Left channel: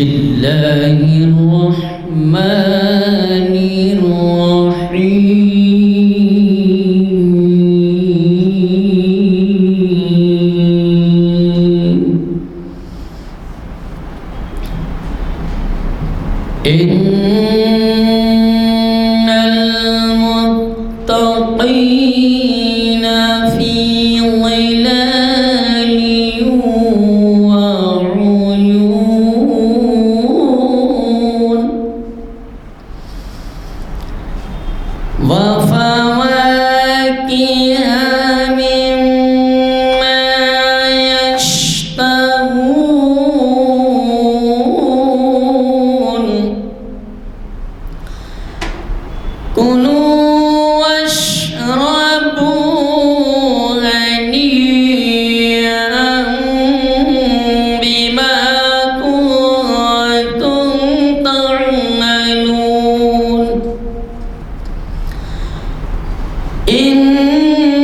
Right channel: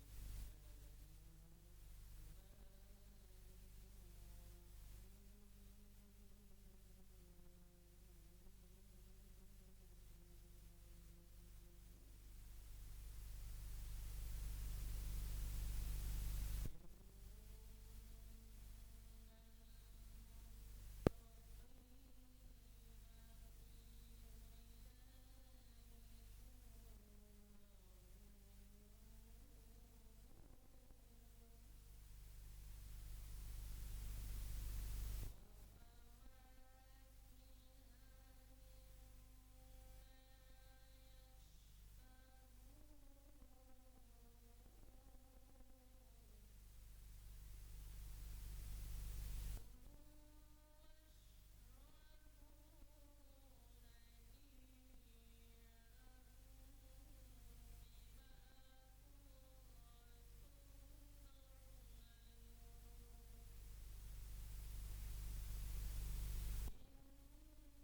الله الرحمن الرحيم إن المتقين في ظلال وعيون وفواكه مما يشتهون كلوا واشربوا هنيئا بما كنتم تعملون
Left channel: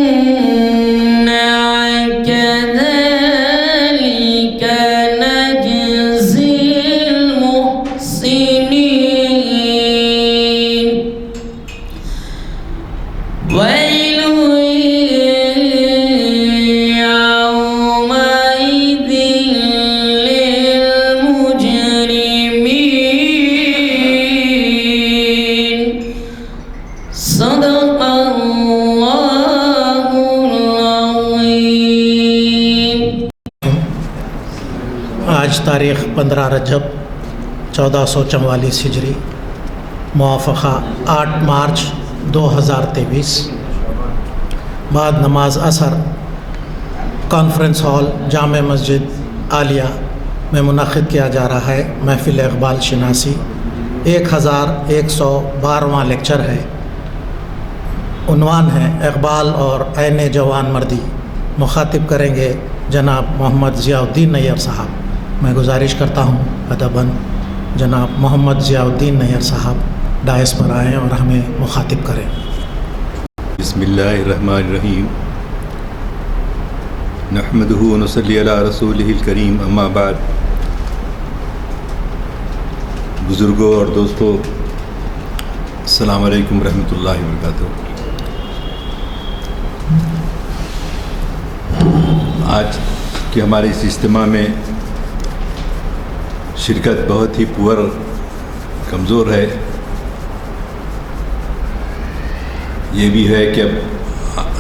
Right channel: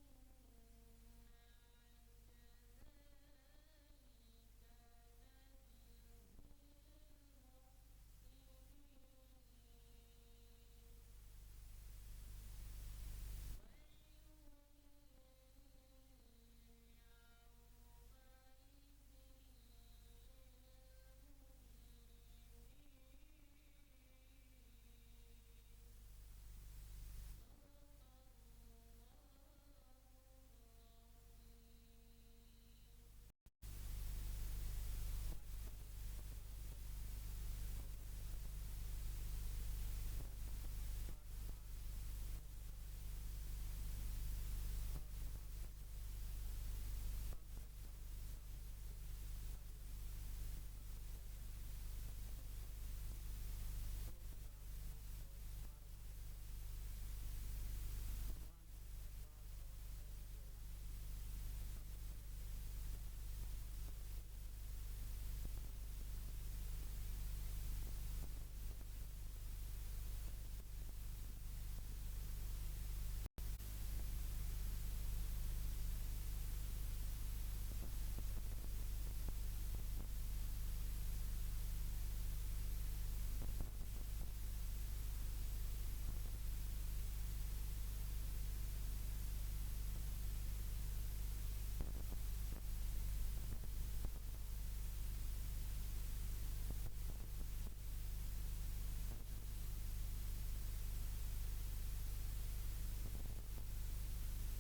إنا كذلك نجزي المحسنين ويل يومئذ للمجرمين صدق الله العظيم. آج تاریخ 15 رجب 1444 ہجری موافقہ 8 مارچ 2023 بعد نماز عصر کانفرنس ہال جامع مسجد عالیہ میں منعقد کیا جا رہا ہے محفل اقبال شناسی 1112واں لیکچر ہے. عنوان ہے اقبال اور عین جوان مردی. مخاطب کریں گے جناب محمد ضیاء الدین نیّر صاحب. میں گزارش کرتا ہوں ادباً جناب محمد ضیاء الدین نیّر صاحب ڈائس پر آئیں اور ہمیں مخاطب کریں. بسم اللہ الرحمن الرحیم نحمدہ ونصلی علی رسولہ الکریم اما بعد. بزرگوں اور دوستوں السلام علیکم ورحمۃ اللہ وبرکاتہ. آج کے ہمارے اس اجتماع میں شرکت بہت ہی پور کمزور ہے. یہ بھی ہے کہ اب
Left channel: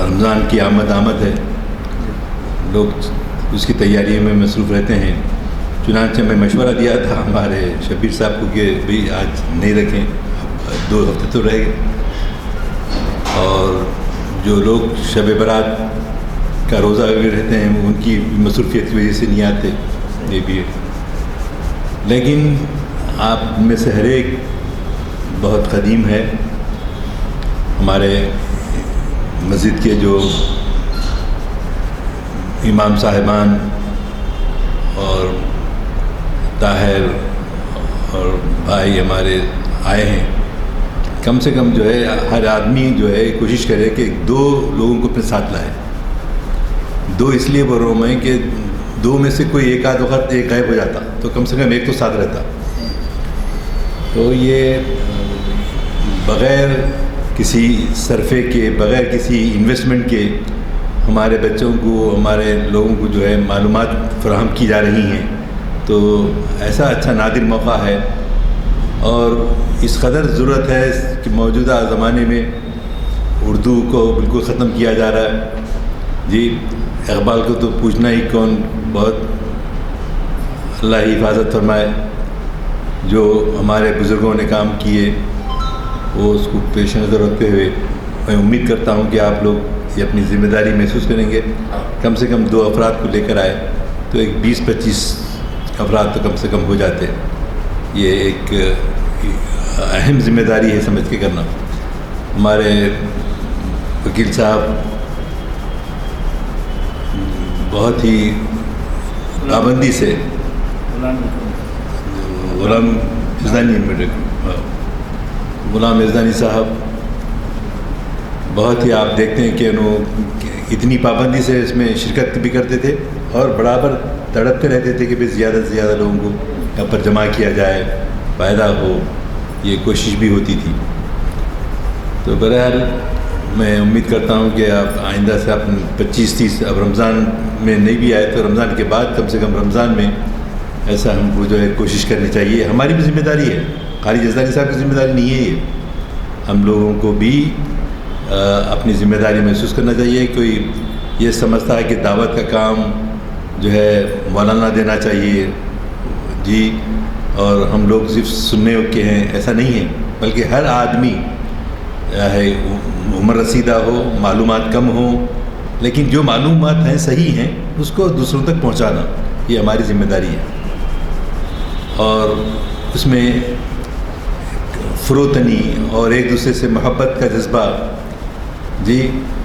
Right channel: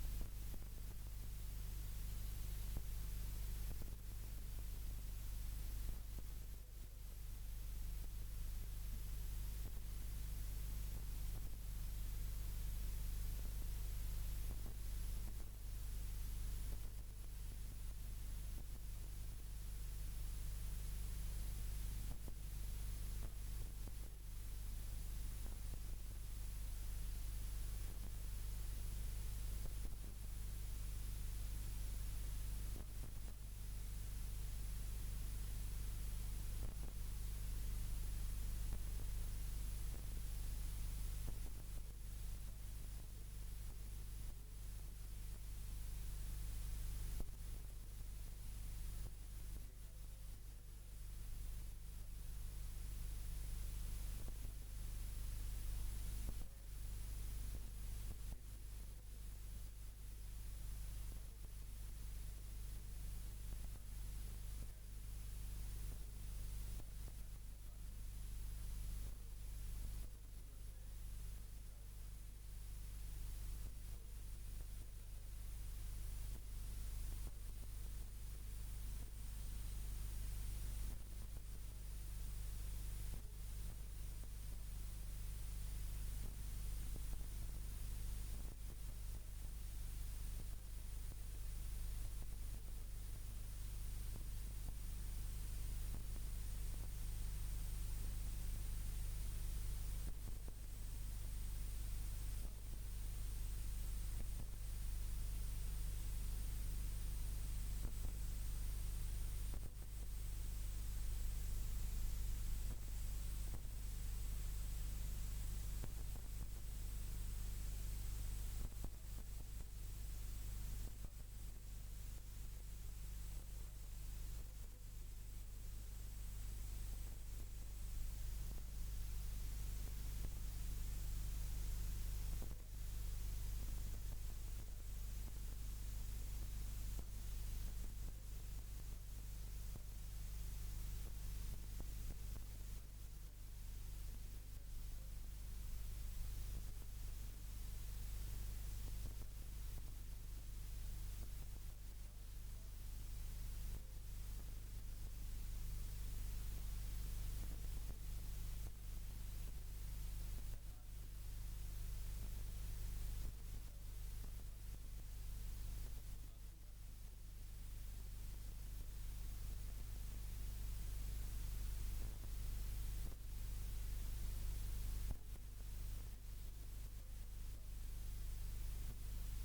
رمضان کی آمد ہے, لوگ اس کی تیاری میں مصروف رہتے ہیں. چنانچہ میں مشورہ دیا تھا ہمارے شبیر صاحب کو کہ بھئی آج نہیں رکھیں, 2 ہفتے تو رہ گئے, اور جو لوگ شب برات کا روزہ بھی رہتے ہیں ان کی مصروفیت کی وجہ سے نہیں آتے. یہ بھی ہے, لیکن آپ میں سے ہر ایک بہت قدیم ہے. ہمارے مسجد کے جو امام صاحبان اور طاہر اور بھائی ہمارے آئے ہیں, کم سے کم جو ہے ہر آدمی جو ہے کوشش کرے کہ 2 لوگوں کو اپنے ساتھ لائے. 2 اس لیے بول رہا ہوں میں کہ 2 میں سے کوئی ایک آدھ وقت ایک غائب ہو جاتا تو کم سے کم ایک تو ساتھ رہتا. تو یہ بغیر کسی صرفے کے, بغیر کسی انویسٹمنٹ کے ہمارے بچوں کو, ہمارے لوگوں کو جو ہے معلومات فراہم کی جا رہی ہیں. تو ایسا اچھا نادر موقع ہے اور اس قدر ضرورت ہے کہ موجودہ زمانے میں اردو کو بالکل ختم کیا جا رہا ہے. جی اقبال کو تو پوچھنا ہی کون, بہت اللہ ہی حفاظت فرمائے. جو ہمارے بزرگوں نے کام کیے وہ اس کو پیش نظر رکھتے ہوئے میں امید کرتا ہوں کہ آپ لوگ یہ اپنی ذمہ داری محسوس کریں گے. کم سے کم 2 افراد کو لے کر آئے تو ایک 20-25 افراد تو کم سے کم ہو جاتے. یہ ایک اہم ذمہ داری ہے سمجھ کے کرنا. ہمارے وکیل صاحب بہت ہی پابندی سے غلام یزدانی صاحب بہت ہی آپ دیکھتے ہیں کہ انہوں اتنی پابندی سے اس میں شرکت بھی کرتے تھے اور برابر تڑپتے رہتے تھے کہ بھئی زیادہ سے زیادہ لوگوں کو یہاں پر جمع کیا جائے، فائدہ ہو، یہ کوشش بھی ہوتی تھی۔ تو بہرحال میں امید کرتا ہوں کہ آپ آئندہ سے آپ 25-30 اب رمضان میں نہیں بھی آئے تو رمضان کے بعد کم سے کم رمضان میں ایسا ہم کو جو ہے کوشش کرنی چاہیے۔ ہماری بھی ذمہ داری ہے، خالی جزدانی صاحب کی ذمہ داری نہیں ہے یہ، ہم لوگوں کو بھی اپنی ذمہ داری محسوس کرنا چاہیے۔ کوئی یہ سمجھتا ہے کہ دعوت کا کام جو ہے مولانا دینا چاہیے جی، اور ہم لوگ صرف سننے کے ہیں، ایسا نہیں ہے، بلکہ ہر آدمی ہے عمر رسیدہ ہو، معلومات کم ہوں، لیکن جو معلومات ہیں صحیح ہیں اس کو دوسروں تک پہنچانا یہ ہماری ذمہ داری ہے، اور اس میں فروتنی اور ایک دوسرے سے محبت کا جذبہ جی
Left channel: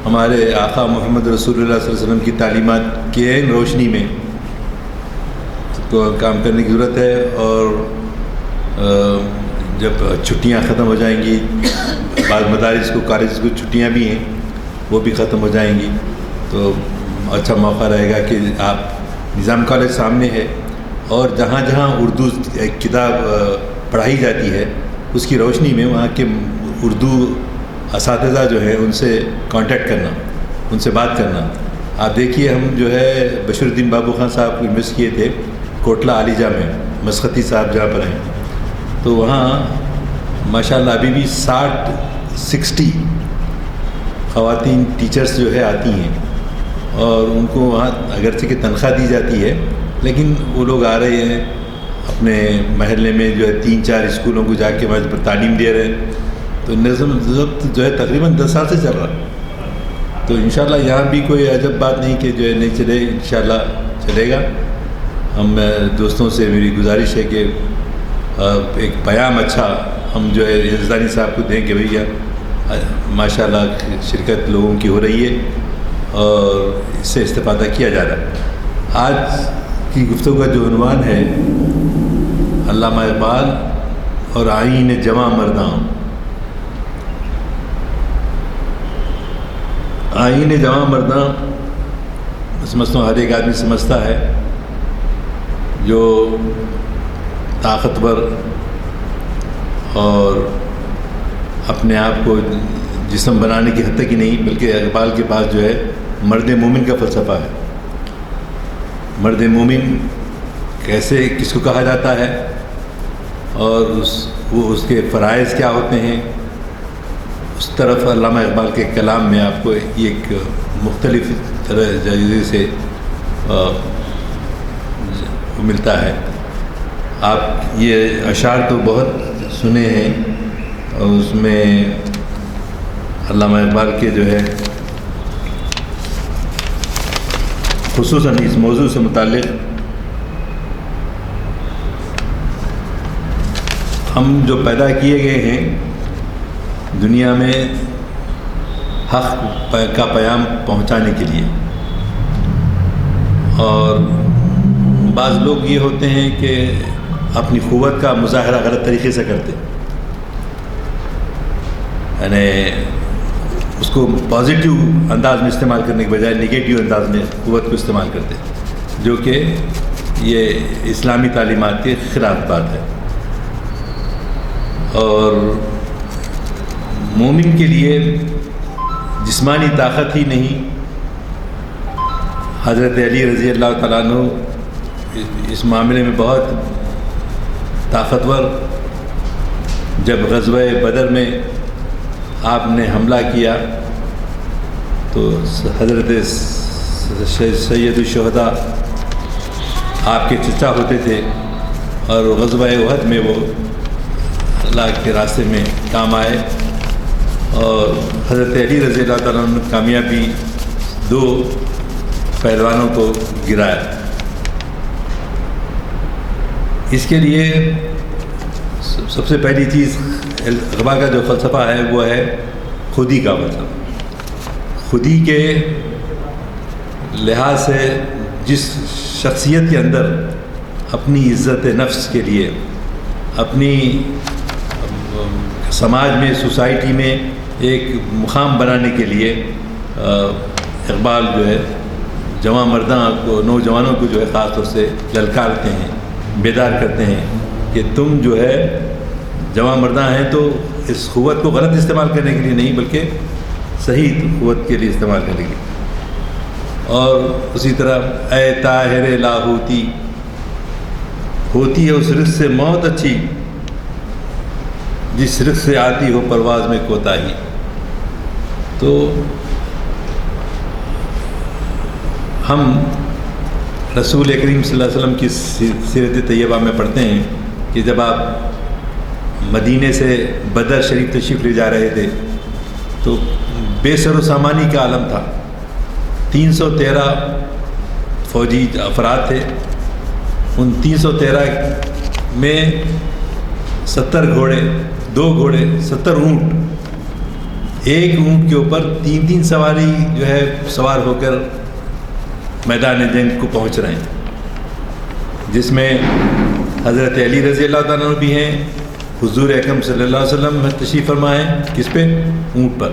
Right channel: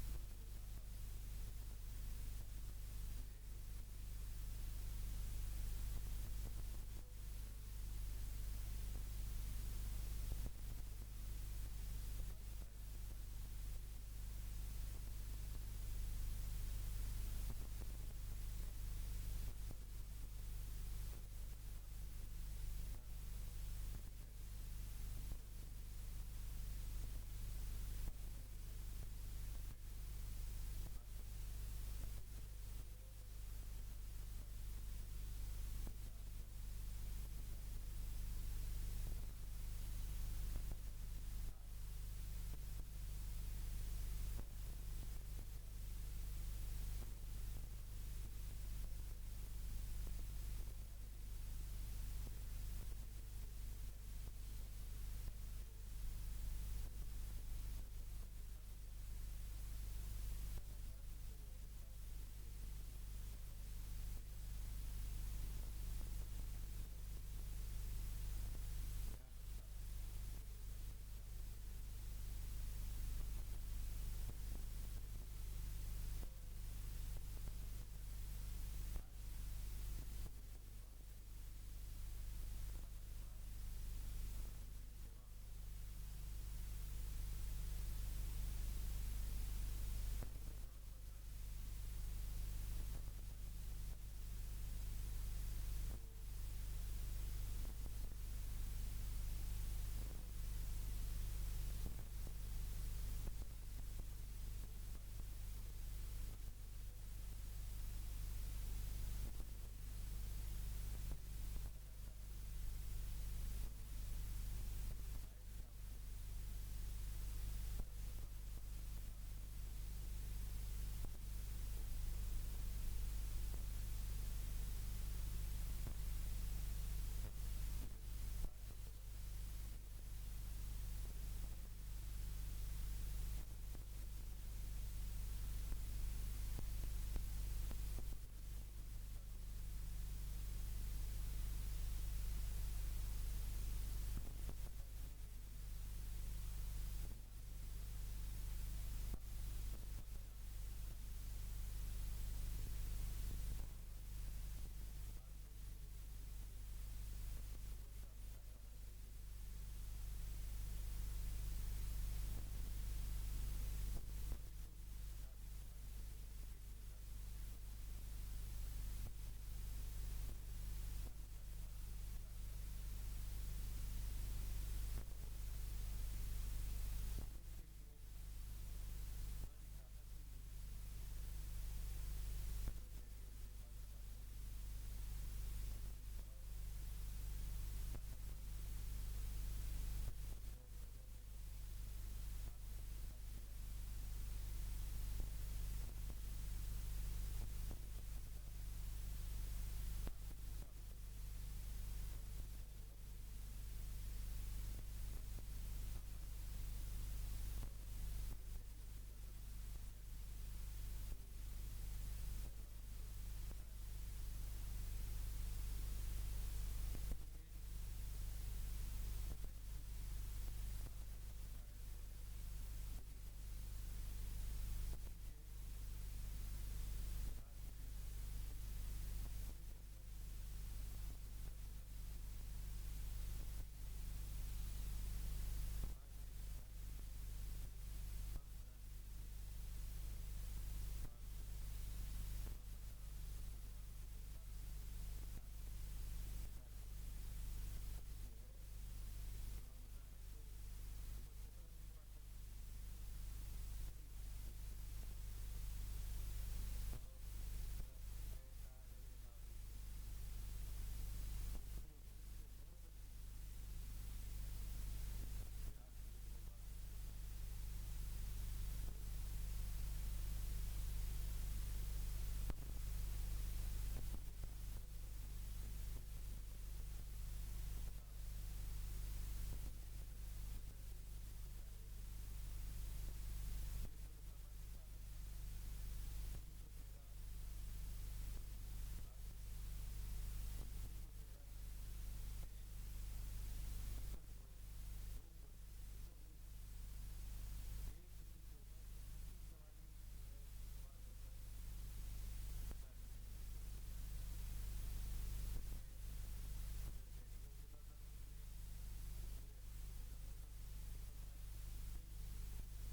ہمارے آقا محمد رسول اللہ صلی اللہ علیہ وسلم کی تعلیمات کی عین روشنی میں کو کام کرنے کی ضرورت ہے۔ اور جب چھٹیاں ختم ہو جائیں گی، بعض مدارس کو کالجز کو چھٹیاں بھی ہیں وہ بھی ختم ہو جائیں گی، تو اچھا موقع رہے گا کہ آپ نظام کالج سامنے ہے، اور جہاں جہاں اردو کتاب پڑھائی جاتی ہے اس کی روشنی میں وہاں کے اردو اساتذہ جو ہیں ان سے کانٹیکٹ کرنا، ان سے بات کرنا۔ آپ دیکھیے ہم جو ہے بشیر الدین بابو خان صاحب کو انویسٹ کیے تھے کوٹلہ عالیجہ میں، مسختی صاحب جہاں پر ہیں، تو وہاں ماشاءاللہ ابھی بھی 60 خواتین ٹیچرز جو ہے آتی ہیں، اور ان کو وہاں اگرچہ کہ تنخواہ دی جاتی ہے، لیکن وہ لوگ آ رہے ہیں اپنے محلے میں جو ہے 3-4 اسکولوں کو جا کے وہاں پر تعلیم دے رہے ہیں، تو نظم ضبط جو ہے تقریباً 10 سال سے چل رہا ہے۔ تو انشاءاللہ یہاں بھی کوئی عجب بات نہیں کہ جو ہے نہیں چلے، انشاءاللہ چلے گا۔ ہم دوستوں سے میری گزارش ہے کہ ایک پیام اچھا ہم جو ہے یزدانی صاحب کو دیں کہ بھیا ماشاءاللہ شرکت لوگوں کی ہو رہی ہے اور اس سے استفادہ کیا جا رہا ہے۔ آج کی گفتگو کا جو عنوان ہے علامہ اقبال اور آئین جواں مرداں۔ آئین جواں مرداں سمجھتا ہوں ہر ایک آدمی سمجھتا ہے، جو طاقتور اور اپنے آپ کو جسم بنانے کی حد تک ہی نہیں، بلکہ اقبال کے پاس جو ہے مرد مومن کا فلسفہ ہے۔ مرد مومن کیسے کس کو کہا جاتا ہے، اور وہ اس کے فرائض کیا ہوتے ہیں، اس طرف علامہ اقبال کے کلام میں آپ کو ایک مختلف طرح جائزے سے ملتا ہے۔ آپ یہ اشعار تو بہت سنے ہیں، اور اس میں علامہ اقبال کے جو ہے خصوصاً اس موضوع سے متعلق ہم جو پیدا کیے گئے ہیں دنیا میں حق کا پیام پہنچانے کے لیے، اور بعض لوگ یہ ہوتے ہیں کہ اپنی قوت کا مظاہرہ غلط طریقے سے کرتے، یعنی اس کو پازیٹیو انداز میں استعمال کرنے کے بجائے نگیٹیو انداز میں قوت کو استعمال کرتے، جو کہ یہ اسلامی تعلیمات کے خلاف بات ہے۔ اور مومن کے لیے جسمانی طاقت ہی نہیں، حضرت علی رضی اللہ تعالیٰ عنہ اس معاملے میں بہت طاقتور، جب غزوہ بدر میں آپ نے حملہ کیا تو حضرت سید الشہداء آپ کے چچا ہوتے تھے، اور غزوہ احد میں وہ اللہ کے راستے میں کام آئے، اور حضرت علی رضی اللہ تعالیٰ عنہ نے کامیابی 2 پہلوانوں کو گرایا۔ اس کے لیے سب سے پہلی چیز اقبال کا جو فلسفہ ہے وہ ہے خودی کا فلسفہ۔ خودی کے لحاظ سے جس شخصیت کے اندر اپنی عزت نفس کے لیے، اپنی سماج میں، سوسائٹی میں ایک مقام بنانے کے لیے اقبال جو ہے جوان مرداں کو، نوجوانوں کو جو ہے خاص طور سے للکارتے ہیں، بیدار کرتے ہیں کہ تم جو ہے جوان مرداں ہیں تو اس قوت کو غلط استعمال کرنے کے لیے نہیں بلکہ صحیح قوت کے لیے استعمال کرنے کے لیے. اور اسی طرح اے طاہر لاہوتی، ہوتی ہے اس رزق سے موت اچھی جس رزق سے آتی ہو پرواز میں کوتاہی. تو ہم رسول کریم صلی اللہ علیہ وسلم کی سیرت طیبہ میں پڑھتے ہیں کہ جب آپ مدینے سے بدر شریف تشریف لے جا رہے تھے تو بے سر و سامانی کا عالم تھا. 313 فوجی افراد تھے. ان 313 میں 70 گھوڑے، 2 گھوڑے، 70 اونٹ، ایک اونٹ کے اوپر 3 سواری جو ہے سوار ہو کر میدان جنگ کو پہنچ رہے ہیں، جس میں حضرت علی رضی اللہ تعالیٰ عنہ بھی ہیں، حضور اکرم صلی اللہ علیہ وسلم تشریف فرما ہیں. کس پہ؟ اونٹ پر.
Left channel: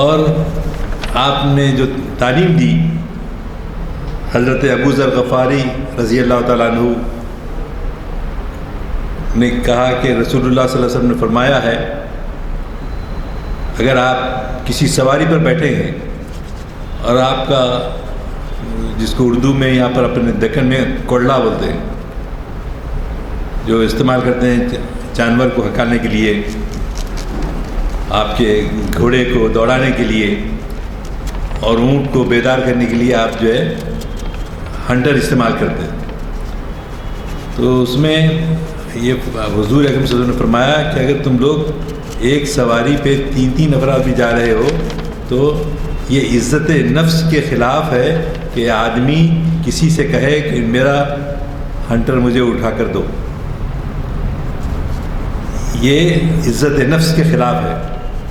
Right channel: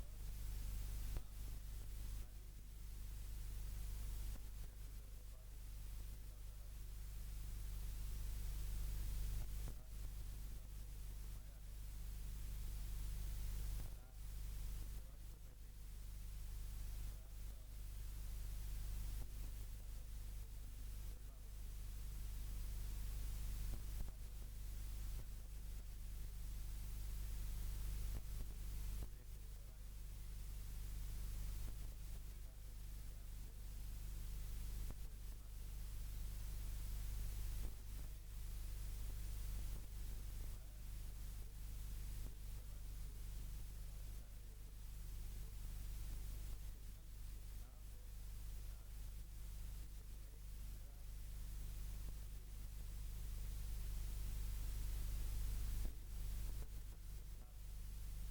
اور آپ نے جو تعلیم دی، حضرت ابو ذر غفاری رضی اللہ تعالیٰ عنہ نے کہا کہ رسول اللہ صلی اللہ علیہ وسلم نے فرمایا ہے اگر آپ کسی سواری پر بیٹھے ہیں اور آپ کا، جس کو اردو میں یہاں پر اپنے دکن میں کوڑلا بولتے ہیں، جو استعمال کرتے ہیں جانور کو ہکالنے کے لیے، آپ کے گھوڑے کو دوڑانے کے لیے اور اونٹ کو بیدار کرنے کے لیے آپ جو ہے ہنٹر استعمال کرتے ہیں. تو اس میں یہ حضور اکرم صلی اللہ علیہ وسلم نے فرمایا کہ اگر تم لوگ ایک سواری پہ 3 افراد بھی جا رہے ہو تو یہ عزت نفس کے خلاف ہے کہ آدمی کسی سے کہے کہ میرا ہنٹر مجھے اٹھا کر دو. یہ عزت نفس کے خلاف ہے.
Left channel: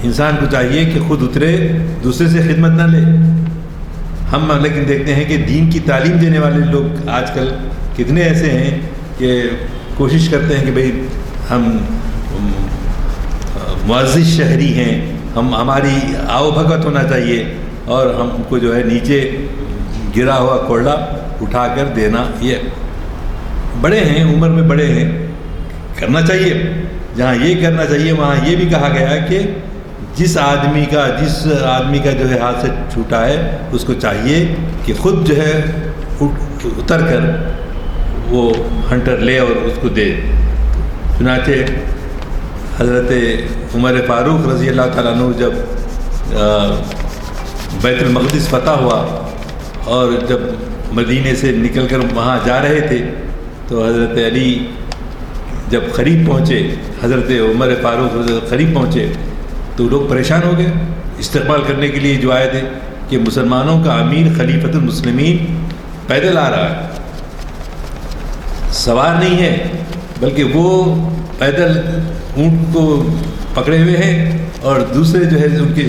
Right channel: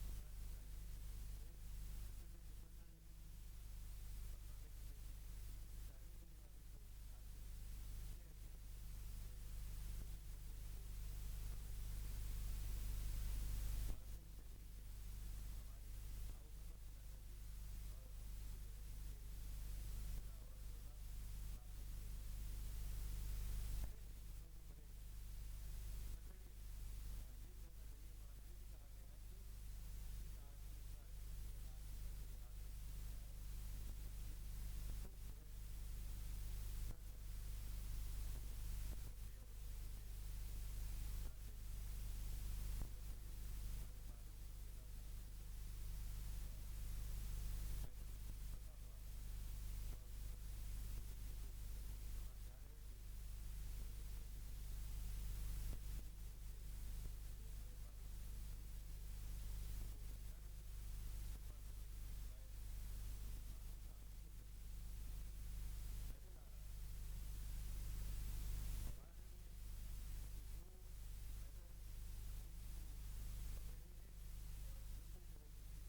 انسان کو چاہیے کہ خود اترے، دوسرے سے خدمت نہ لے. ہم لیکن دیکھتے ہیں کہ دین کی تعلیم دینے والے لوگ آج کل کتنے ایسے ہیں کہ کوشش کرتے ہیں کہ بھئی ہم معزز شہری ہیں، ہماری آؤ بھگت ہونا چاہیے اور ہم کو جو ہے نیچے گرا ہوا کوڑا اٹھا کر دینا. یہ بڑے ہیں، عمر میں بڑے ہیں، کرنا چاہیے. جہاں یہ کرنا چاہیے وہاں یہ بھی کہا گیا کہ جس آدمی کا جو ہے ہاتھ سے چھوٹا ہے اس کو چاہیے کہ خود جو ہے اتر کر وہ ہنٹر لے اور اس کو دے. چنانچہ حضرت عمر فاروق رضی اللہ تعالیٰ عنہ جب بیت المقدس فتح ہوا اور جب مدینے سے نکل کر وہاں جا رہے تھے تو حضرت علی جب قریب پہنچے، حضرت عمر فاروق قریب پہنچے تو لوگ پریشان ہو گئے. استقبال کرنے کے لیے جو آئے تھے کہ مسلمانوں کا امیر خلیفۃ المسلمین پیدل آ رہا ہے، سوار نہیں ہے بلکہ وہ پیدل اونٹ کو پکڑے ہوئے ہیں اور دوسرے جو ہے ان کے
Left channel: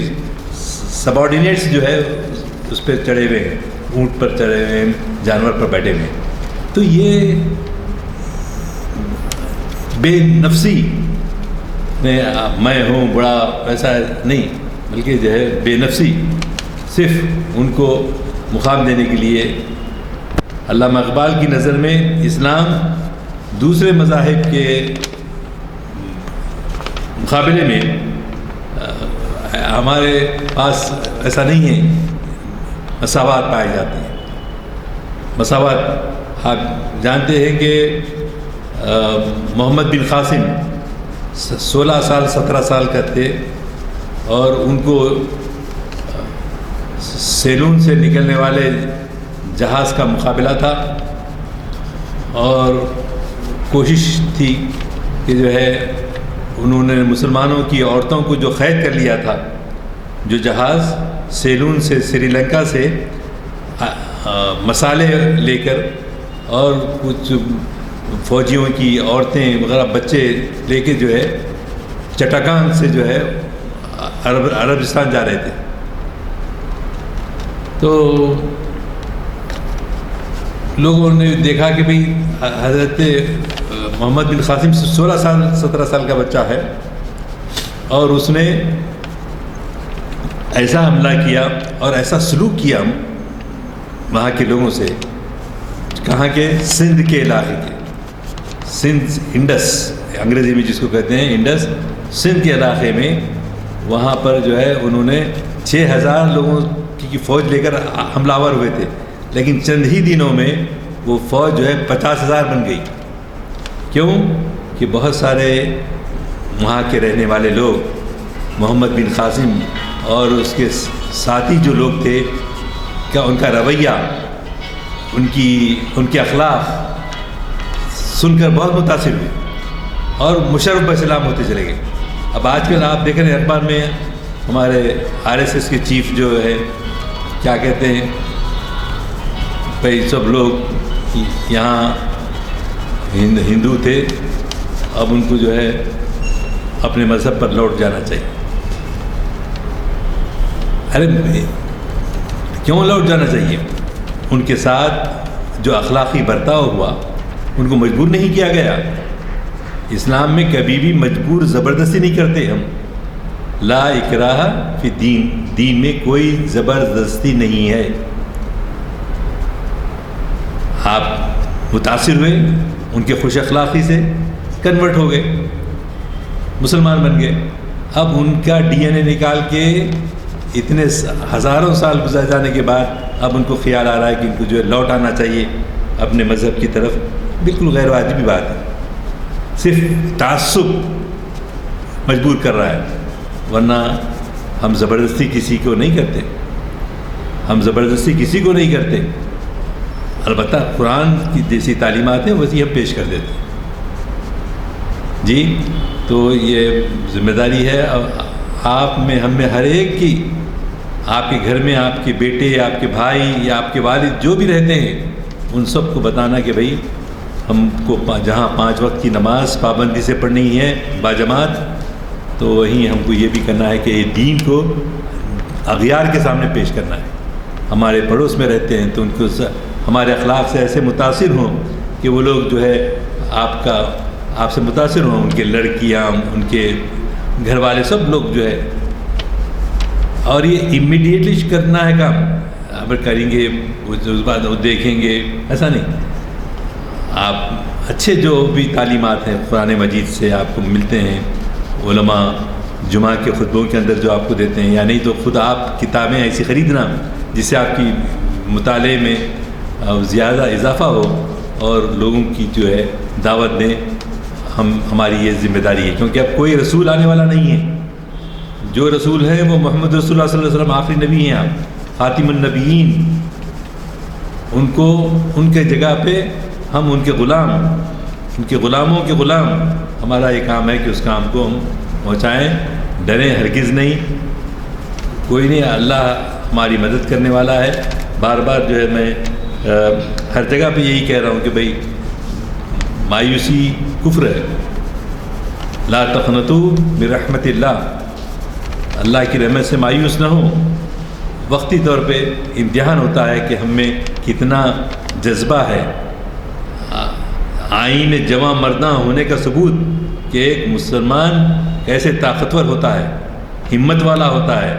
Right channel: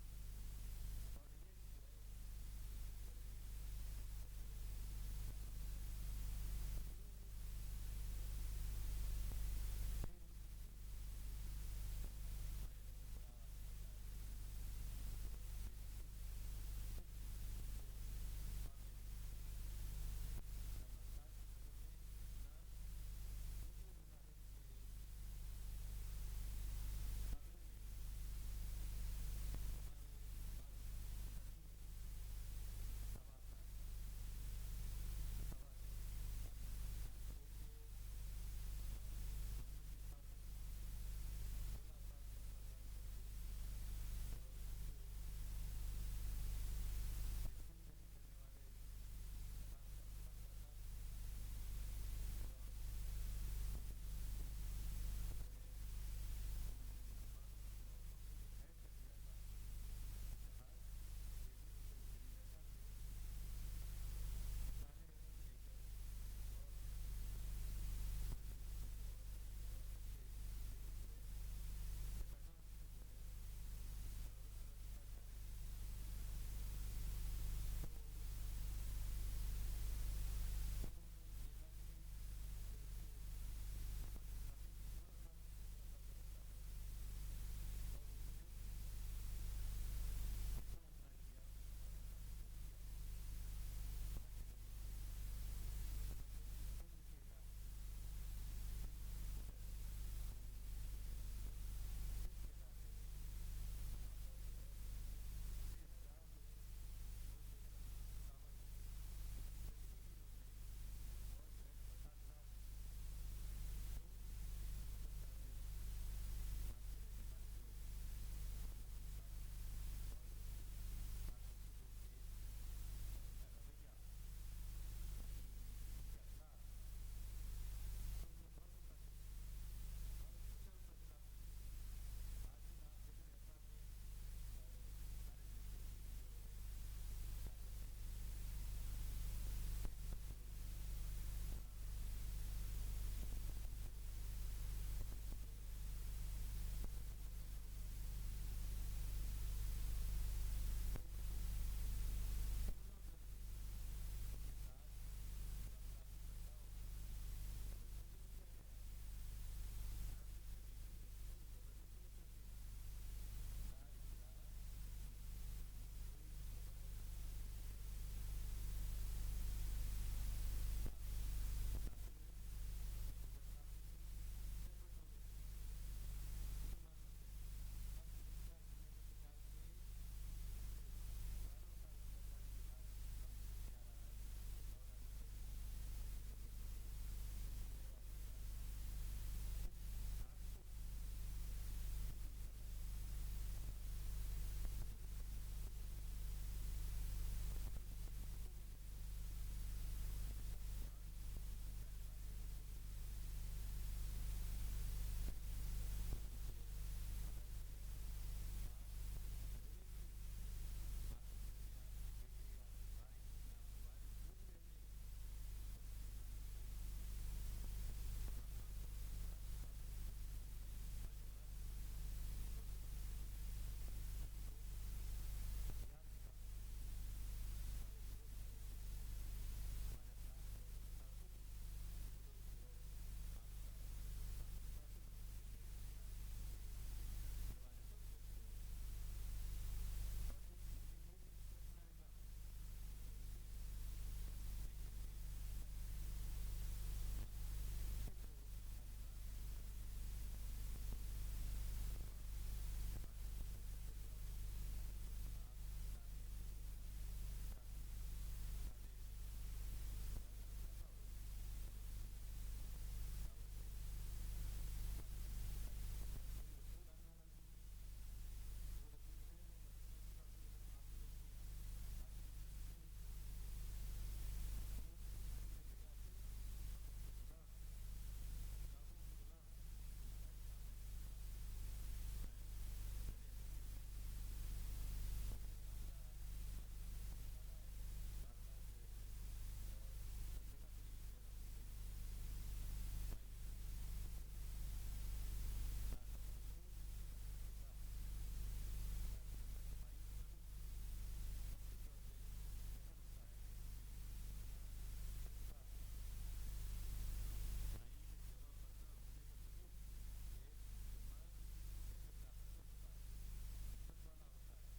سبارڈینیٹس جو ہے اس پہ چڑھے ہوئے ہیں، اونٹ پر چڑھے ہوئے ہیں، جانور پر بیٹھے ہوئے ہیں. تو یہ بے نفسی میں ہوں بڑا ایسا نہیں، بلکہ جو ہے بے نفسی صرف ان کو مقام دینے کے لیے. علامہ اقبال کی نظر میں اسلام دوسرے مذاہب کے مقابلے میں ہمارے پاس ایسا نہیں ہے، مساوات پائے جاتے ہیں. مساوات آپ جانتے ہیں کہ محمد بن قاسم 16 سال 17 سال کا تھے اور ان کو سیلون سے نکلنے والے جہاز کا مقابلہ تھا اور کوشش تھی کہ جو ہے انہوں نے مسلمانوں کی عورتوں کو جو قید کر لیا تھا، جو جہاز سیلون سے سری لنکا سے مسالے لے کر اور کچھ فوجیوں کی عورتیں وغیرہ بچے لے کے جو ہے چٹاکان سے جو ہے عربستان جا رہے تھے. تو لوگوں نے دیکھا کہ بھئی حضرت محمد بن قاسم 16 سال 17 سال کا بچہ ہے اور اس نے ایسا حملہ کیا اور ایسا سلوک کیا وہاں کے لوگوں سے، کہاں کے؟ سندھ کے علاقے کے، سندھ انڈس انگریزی میں جس کو کہتے ہیں انڈس، سندھ کے علاقے میں وہاں پر جو ہے انہوں نے 6000 لوگوں کی فوج لے کر حملہ آور ہوئے تھے، لیکن چند ہی دنوں میں وہ فوج جو ہے 50,000 بن گئی۔ کیوں؟ کہ بہت سارے وہاں کے رہنے والے لوگ، محمد بن قاسم اور اس کے ساتھی جو لوگ تھے، کیا ان کا رویہ، ان کے اخلاق سن کر بہت متاثر ہوئے اور مشرف بسلام ہوتے چلے گئے۔ اب آج کل آپ دیکھ رہے ہیں اخبار میں ہمارے RSS کے چیف جو ہے کیا کہتے ہیں، بھائی سب لوگ یہاں ہندو تھے، اب ان کو جو ہے اپنے مذہب پر لوٹ جانا چاہیے۔ ارے کیوں لوٹ جانا چاہیے؟ ان کے ساتھ جو اخلاقی برتاؤ ہوا ان کو مجبور نہیں کیا گیا۔ اسلام میں کبھی بھی مجبور زبردستی نہیں کرتے ہم، لا اکراہ فی الدین، دین میں کوئی زبردستی نہیں ہے۔ آپ متاثر ہوئے ان کے خوش اخلاقی سے، کنورٹ ہو گئے، مسلمان بن گئے۔ اب ان کا DNA نکال کے اتنے ہزاروں سال گزر جانے کے بعد اب ان کو خیال آ رہا ہے کہ ان کو جو ہے لوٹ آنا چاہیے اپنے مذہب کی طرف۔ بالکل غیر واجبی بات ہے، صرف تعصب مجبور کر رہا ہے، ورنہ ہم زبردستی کسی کو نہیں کرتے، ہم زبردستی کسی کو نہیں کرتے۔ البتہ قرآن کی جیسی تعلیمات ہیں ویسی ہم پیش کر دیتے ہیں جی۔ تو یہ ذمہ داری ہے آپ میں، ہم میں، ہر ایک کی، آپ کے گھر میں آپ کے بیٹے، آپ کے بھائی یا آپ کے والد جو بھی رہتے ہیں ان سب کو بتانا کہ بھائی ہم کو جہاں 5 وقت کی نماز پابندی سے پڑھنی ہے باجماعت، تو وہیں ہم کو یہ بھی کرنا ہے کہ یہ دین کو اغیار کے سامنے پیش کرنا ہے۔ ہمارے پڑوس میں رہتے ہیں تو ان کو ہمارے اخلاق سے ایسے متاثر ہوں کہ وہ لوگ جو ہے آپ سے متاثر ہوں، ان کے لڑکیاں، ان کے گھر والے، سب لوگ جو ہے۔ اور یہ امیڈیٹلی کرنا ہے کام، اب کریں گے اس بعد وہ دیکھیں گے، ایسا نہیں۔ آپ اچھے جو بھی تعلیمات ہیں قرآن مجید سے آپ کو ملتے ہیں، علماء جمعہ کے خطبوں کے اندر جو آپ کو دیتے ہیں، یا نہیں تو خود آپ کتابیں ایسی خریدنا جس سے آپ کی مطالعے میں زیادہ اضافہ ہو اور لوگوں کی جو ہے دعوت دیں۔ ہماری یہ ذمہ داری ہے، کیونکہ اب کوئی رسول آنے والا نہیں ہے۔ جو رسول ہے وہ محمد رسول اللہ صلی اللہ علیہ وسلم آخری نبی ہیں، آپ خاتم النبیین۔ ان کو ان کے جگہ پہ ہم ان کے غلام، ان کے غلاموں کے غلام۔ ہمارا یہ کام ہے کہ اس کام کو ہم پہنچائیں، ڈریں ہرگز نہیں، کوئی نہیں، اللہ ہماری مدد کرنے والا ہے۔ بار بار جو ہے میں ہر جگہ پہ یہی کہہ رہا ہوں کہ بھئی مایوسی کفر ہے، لا تقنطوا من رحمت اللہ، اللہ کی رحمت سے مایوس نہ ہو۔ وقتی طور پہ امتحان ہوتا ہے کہ ہم میں کتنا جذبہ ہے۔ آئین جواں مرداں ہونے کا ثبوت کہ ایک مسلمان کیسے طاقتور ہوتا ہے، ہمت والا ہوتا ہے،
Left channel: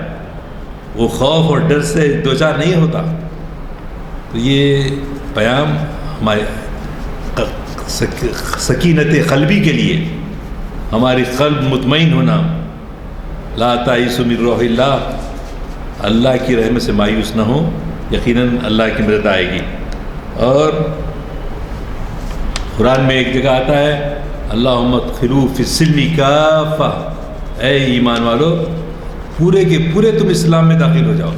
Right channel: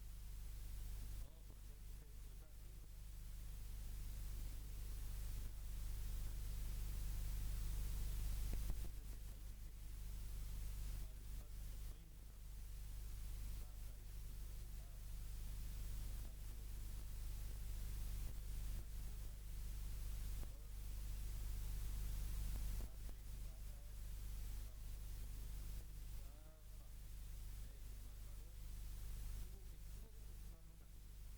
وہ خوف اور ڈر سے دوچار نہیں ہوتا۔ تو یہ پیام ہمارے سکینت قلبی کے لیے، ہماری قلب مطمئن ہونا، لا تائسوا من روح اللہ، اللہ کی رحمت سے مایوس نہ ہو، یقیناً اللہ کی مدد آئے گی۔ اور قرآن میں ایک جگہ آتا ہے اللہم ادخلوا فی السلم کافہ، اے ایمان والو پورے کے پورے تم اسلام میں داخل ہو جاؤ،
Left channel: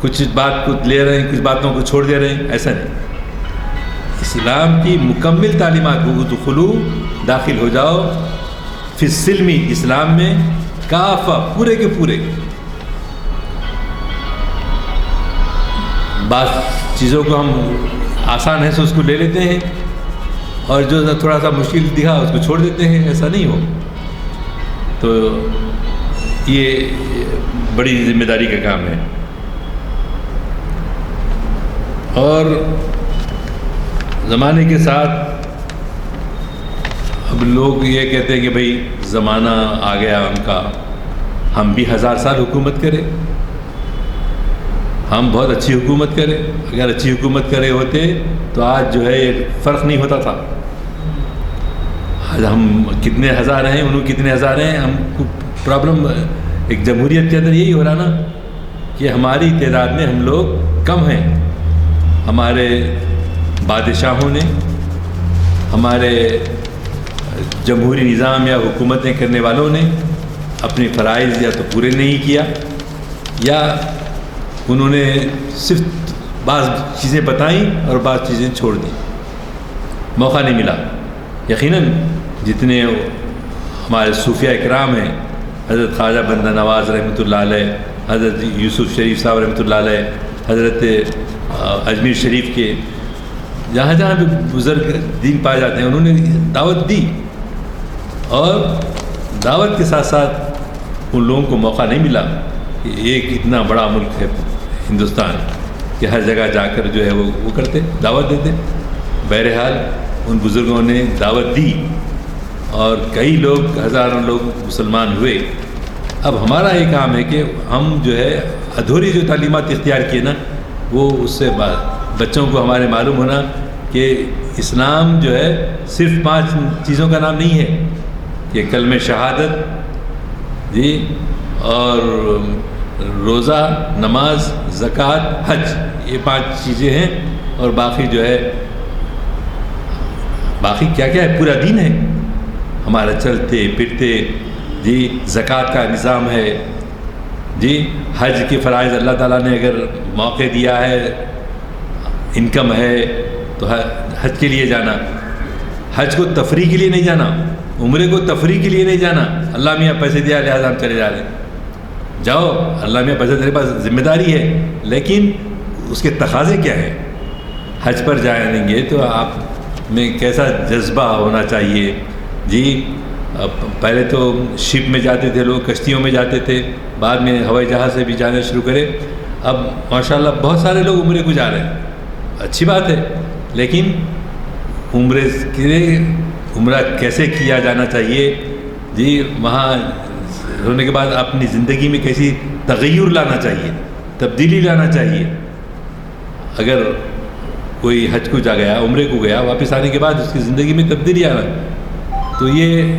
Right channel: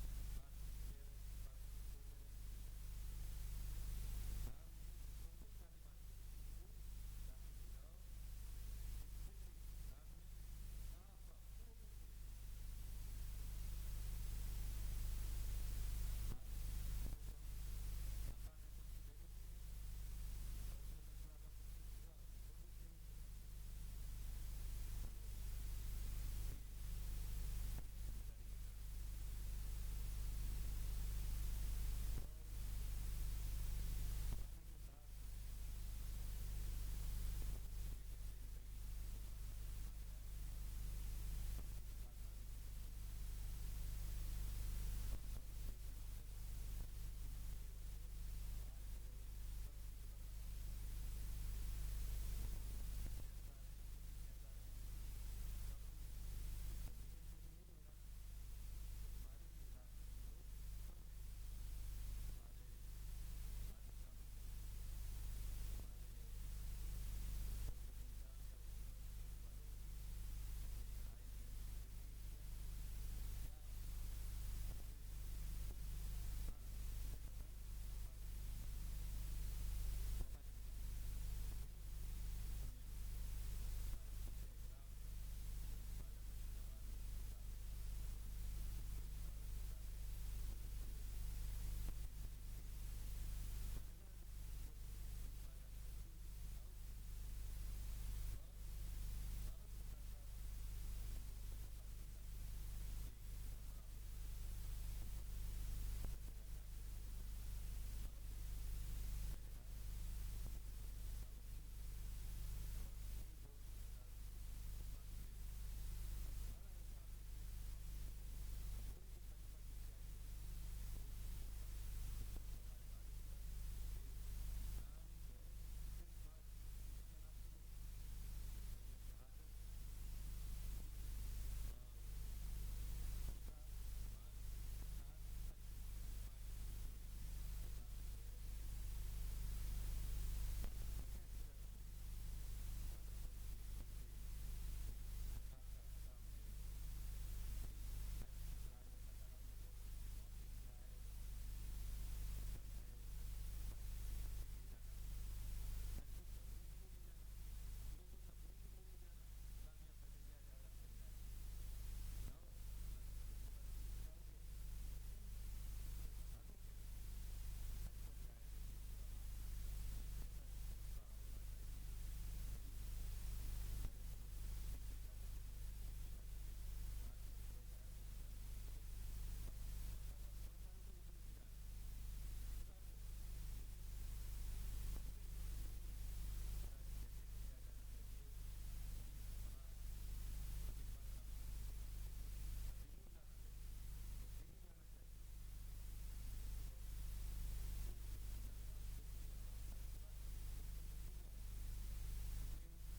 کچھ بات کو لے رہے ہیں، کچھ باتوں کو چھوڑ دے رہے ہیں، ایسا نہیں۔ اسلام کی مکمل تعلیمات کو ادخلوا، داخل ہو جاؤ، فی السلم، اسلام میں، کافہ، پورے کے پورے۔ بعض چیزوں کو ہم آسان ہے سو اس کو لے لیتے ہیں، اور جو تھوڑا سا مشکل دکھا اس کو چھوڑ دیتے ہیں، ایسا نہیں ہو۔ تو یہ بڑی ذمہ داری کا کام ہے۔ اور زمانے کے ساتھ اب لوگ یہ کہتے ہیں کہ بھئی زمانہ آ گیا ان کا، ہم بھی 1000 سال حکومت کریں، ہم بہت اچھی حکومت کرے. اگر اچھی حکومت کرے ہوتے تو آج جو ہے یہ فرق نہیں ہوتا تھا. آج ہم کتنے ہزار ہیں، انہوں کتنے ہزار ہیں، ہم کو پرابلم ایک جمہوریت کے اندر یہی ہو رہا نا کہ ہماری تعداد میں ہم لوگ کم ہیں. ہمارے بادشاہوں نے، ہمارے جمہوری نظام یا حکومتیں کرنے والوں نے اپنے فرائض یا تو پورے نہیں کیا، یا انہوں نے صرف بعض چیزیں بتائیں اور بعض چیزیں چھوڑ دیں. موقع نہیں ملا. یقیناً جتنے ہمارے صوفیہ اکرام ہیں، حضرت خواجہ بندہ نواز رحمۃ اللہ علیہ، حضرت یوسف شریف صاحب رحمۃ اللہ علیہ، حضرت اجمیر شریف کے، جہاں جہاں بھی بزرگ دین پائے جاتے ہیں، انہوں نے دعوت دی. اور دعوت کے ساتھ ساتھ ان لوگوں کو موقع نہیں ملا کہ ایک اتنا بڑا ملک ہے ہندوستان کہ ہر جگہ جا کر جو ہے وہ کرتے، دعوت دیتے. بہرحال ان بزرگوں نے دعوت دی اور کئی لوگ، ہزاروں لوگ مسلمان ہوئے. اب ہمارا یہ کام ہے کہ ہم جو ہے ادھوری جو تعلیمات اختیار کیے نا، وہ اس سے بعد بچوں کو ہمارے معلوم ہونا کہ اسلام جو ہے صرف 5 چیزوں کا نام نہیں ہے. یہ کلمہ شہادت جی، اور روزہ، نماز، زکوٰۃ، حج، یہ 5 چیزیں ہیں. اور باقی جو ہے، باقی کیا کیا ہے، پورا دین ہے ہمارا، چلتے پھرتے جی. زکوٰۃ کا نظام ہے جی. حج کے فرائض اللہ تعالیٰ نے اگر موقع دیا ہے، انکم ہے تو حج کے لیے جانا. حج کو تفریح کے لیے نہیں جانا، عمرے کو تفریح کے لیے نہیں جانا. اللہ میاں پیسے دیا لہٰذا ہم چلے جا رہے ہیں. جاؤ، اللہ میاں پیسے تیرے پاس ذمہ داری ہے، لیکن اس کے تقاضے کیا ہیں؟ حج پر جائیں گے تو آپ میں کیسا جذبہ ہونا چاہیے جی. پہلے تو شپ میں جاتے تھے لوگ، کشتیوں میں جاتے تھے، بعد میں ہوائی جہاز سے بھی جانا شروع کرے. اب ماشاءاللہ بہت سارے لوگ عمرے کو جا رہے ہیں، اچھی بات ہے، لیکن عمرے کے لیے عمرہ کیسے کیا جانا چاہیے جی. وہاں ہونے کے بعد اپنی زندگی میں کیسی تغیر لانا چاہیے، تبدیلی لانا چاہیے. اگر کوئی حج کو جا گیا، عمرے کو گیا، واپس آنے کے بعد اس کی زندگی میں تبدیلی آنا، تو یہ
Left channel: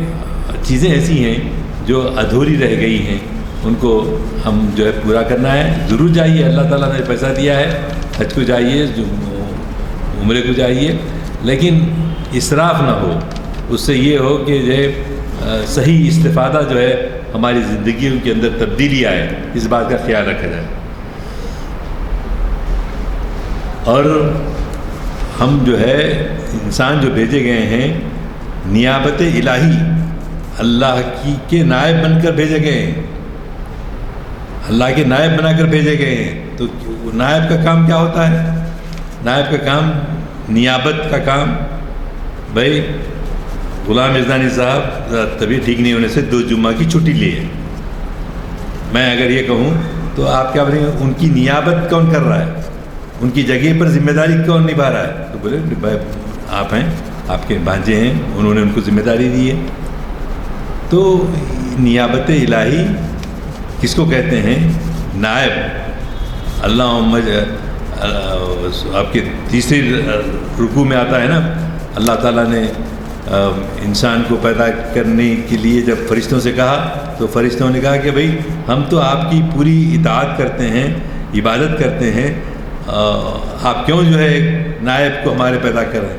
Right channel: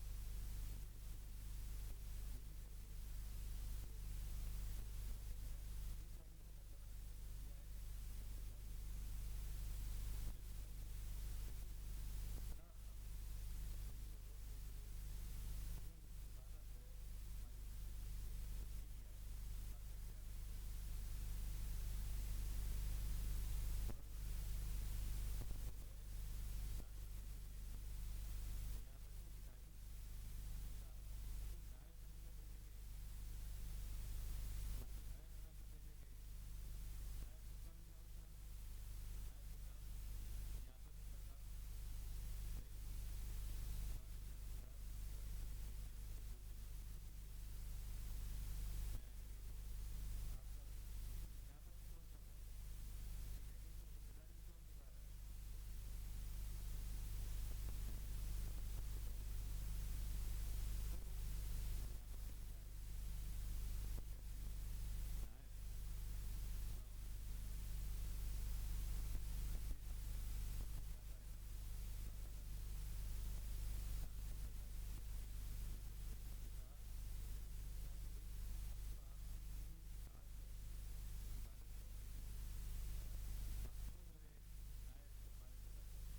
چیزیں ایسی ہیں جو ادھوری رہ گئی ہیں. ان کو ہم جو ہے پورا کرنا ہے. ضرور جائیے، اللہ تعالیٰ نے پیسہ دیا ہے، حج کو جائیے، عمرے کو جائیے، لیکن اسراف نہ ہو. اس سے یہ ہو کہ جو ہے صحیح استفادہ جو ہے ہماری زندگیوں کے اندر تبدیلی آئے، اس بات کا خیال رکھا جائے. اور ہم جو ہے انسان جو بھیجے گئے ہیں نیابت الہی، اللہ کی کے نائب بن کر بھیجے گئے ہیں، اللہ کے نائب بنا کر بھیجے گئے ہیں. تو نائب کا کام کیا ہوتا ہے؟ نائب کا کام، نیابت کا کام. بھائی غلام ازدانی صاحب طبیعت ٹھیک نہیں ہونے سے 2 جمعہ کی چھٹی لی ہے. میں اگر یہ کہوں تو آپ کیا بولیں گے؟ ان کی نیابت کون کر رہا ہے؟ ان کی جگہ پر ذمہ داری کون نبھا رہا ہے؟ تو بولے بھائی آپ ہیں، آپ کے بھانجے ہیں، انہوں نے ان کو ذمہ داری دی ہے. تو نیابت الہی کس کو کہتے ہیں؟ نائب. آپ کے تیسری رکوع میں آتا ہے نا، اللہ تعالیٰ نے انسان کو پیدا کرنے کے لیے جب فرشتوں سے کہا تو فرشتوں نے کہا کہ بھئی ہم تو آپ کی پوری اطاعت کرتے ہیں، عبادت کرتے ہیں، آپ کیوں جو ہے ایک نائب کو ہمارے پیدا کر رہے ہیں؟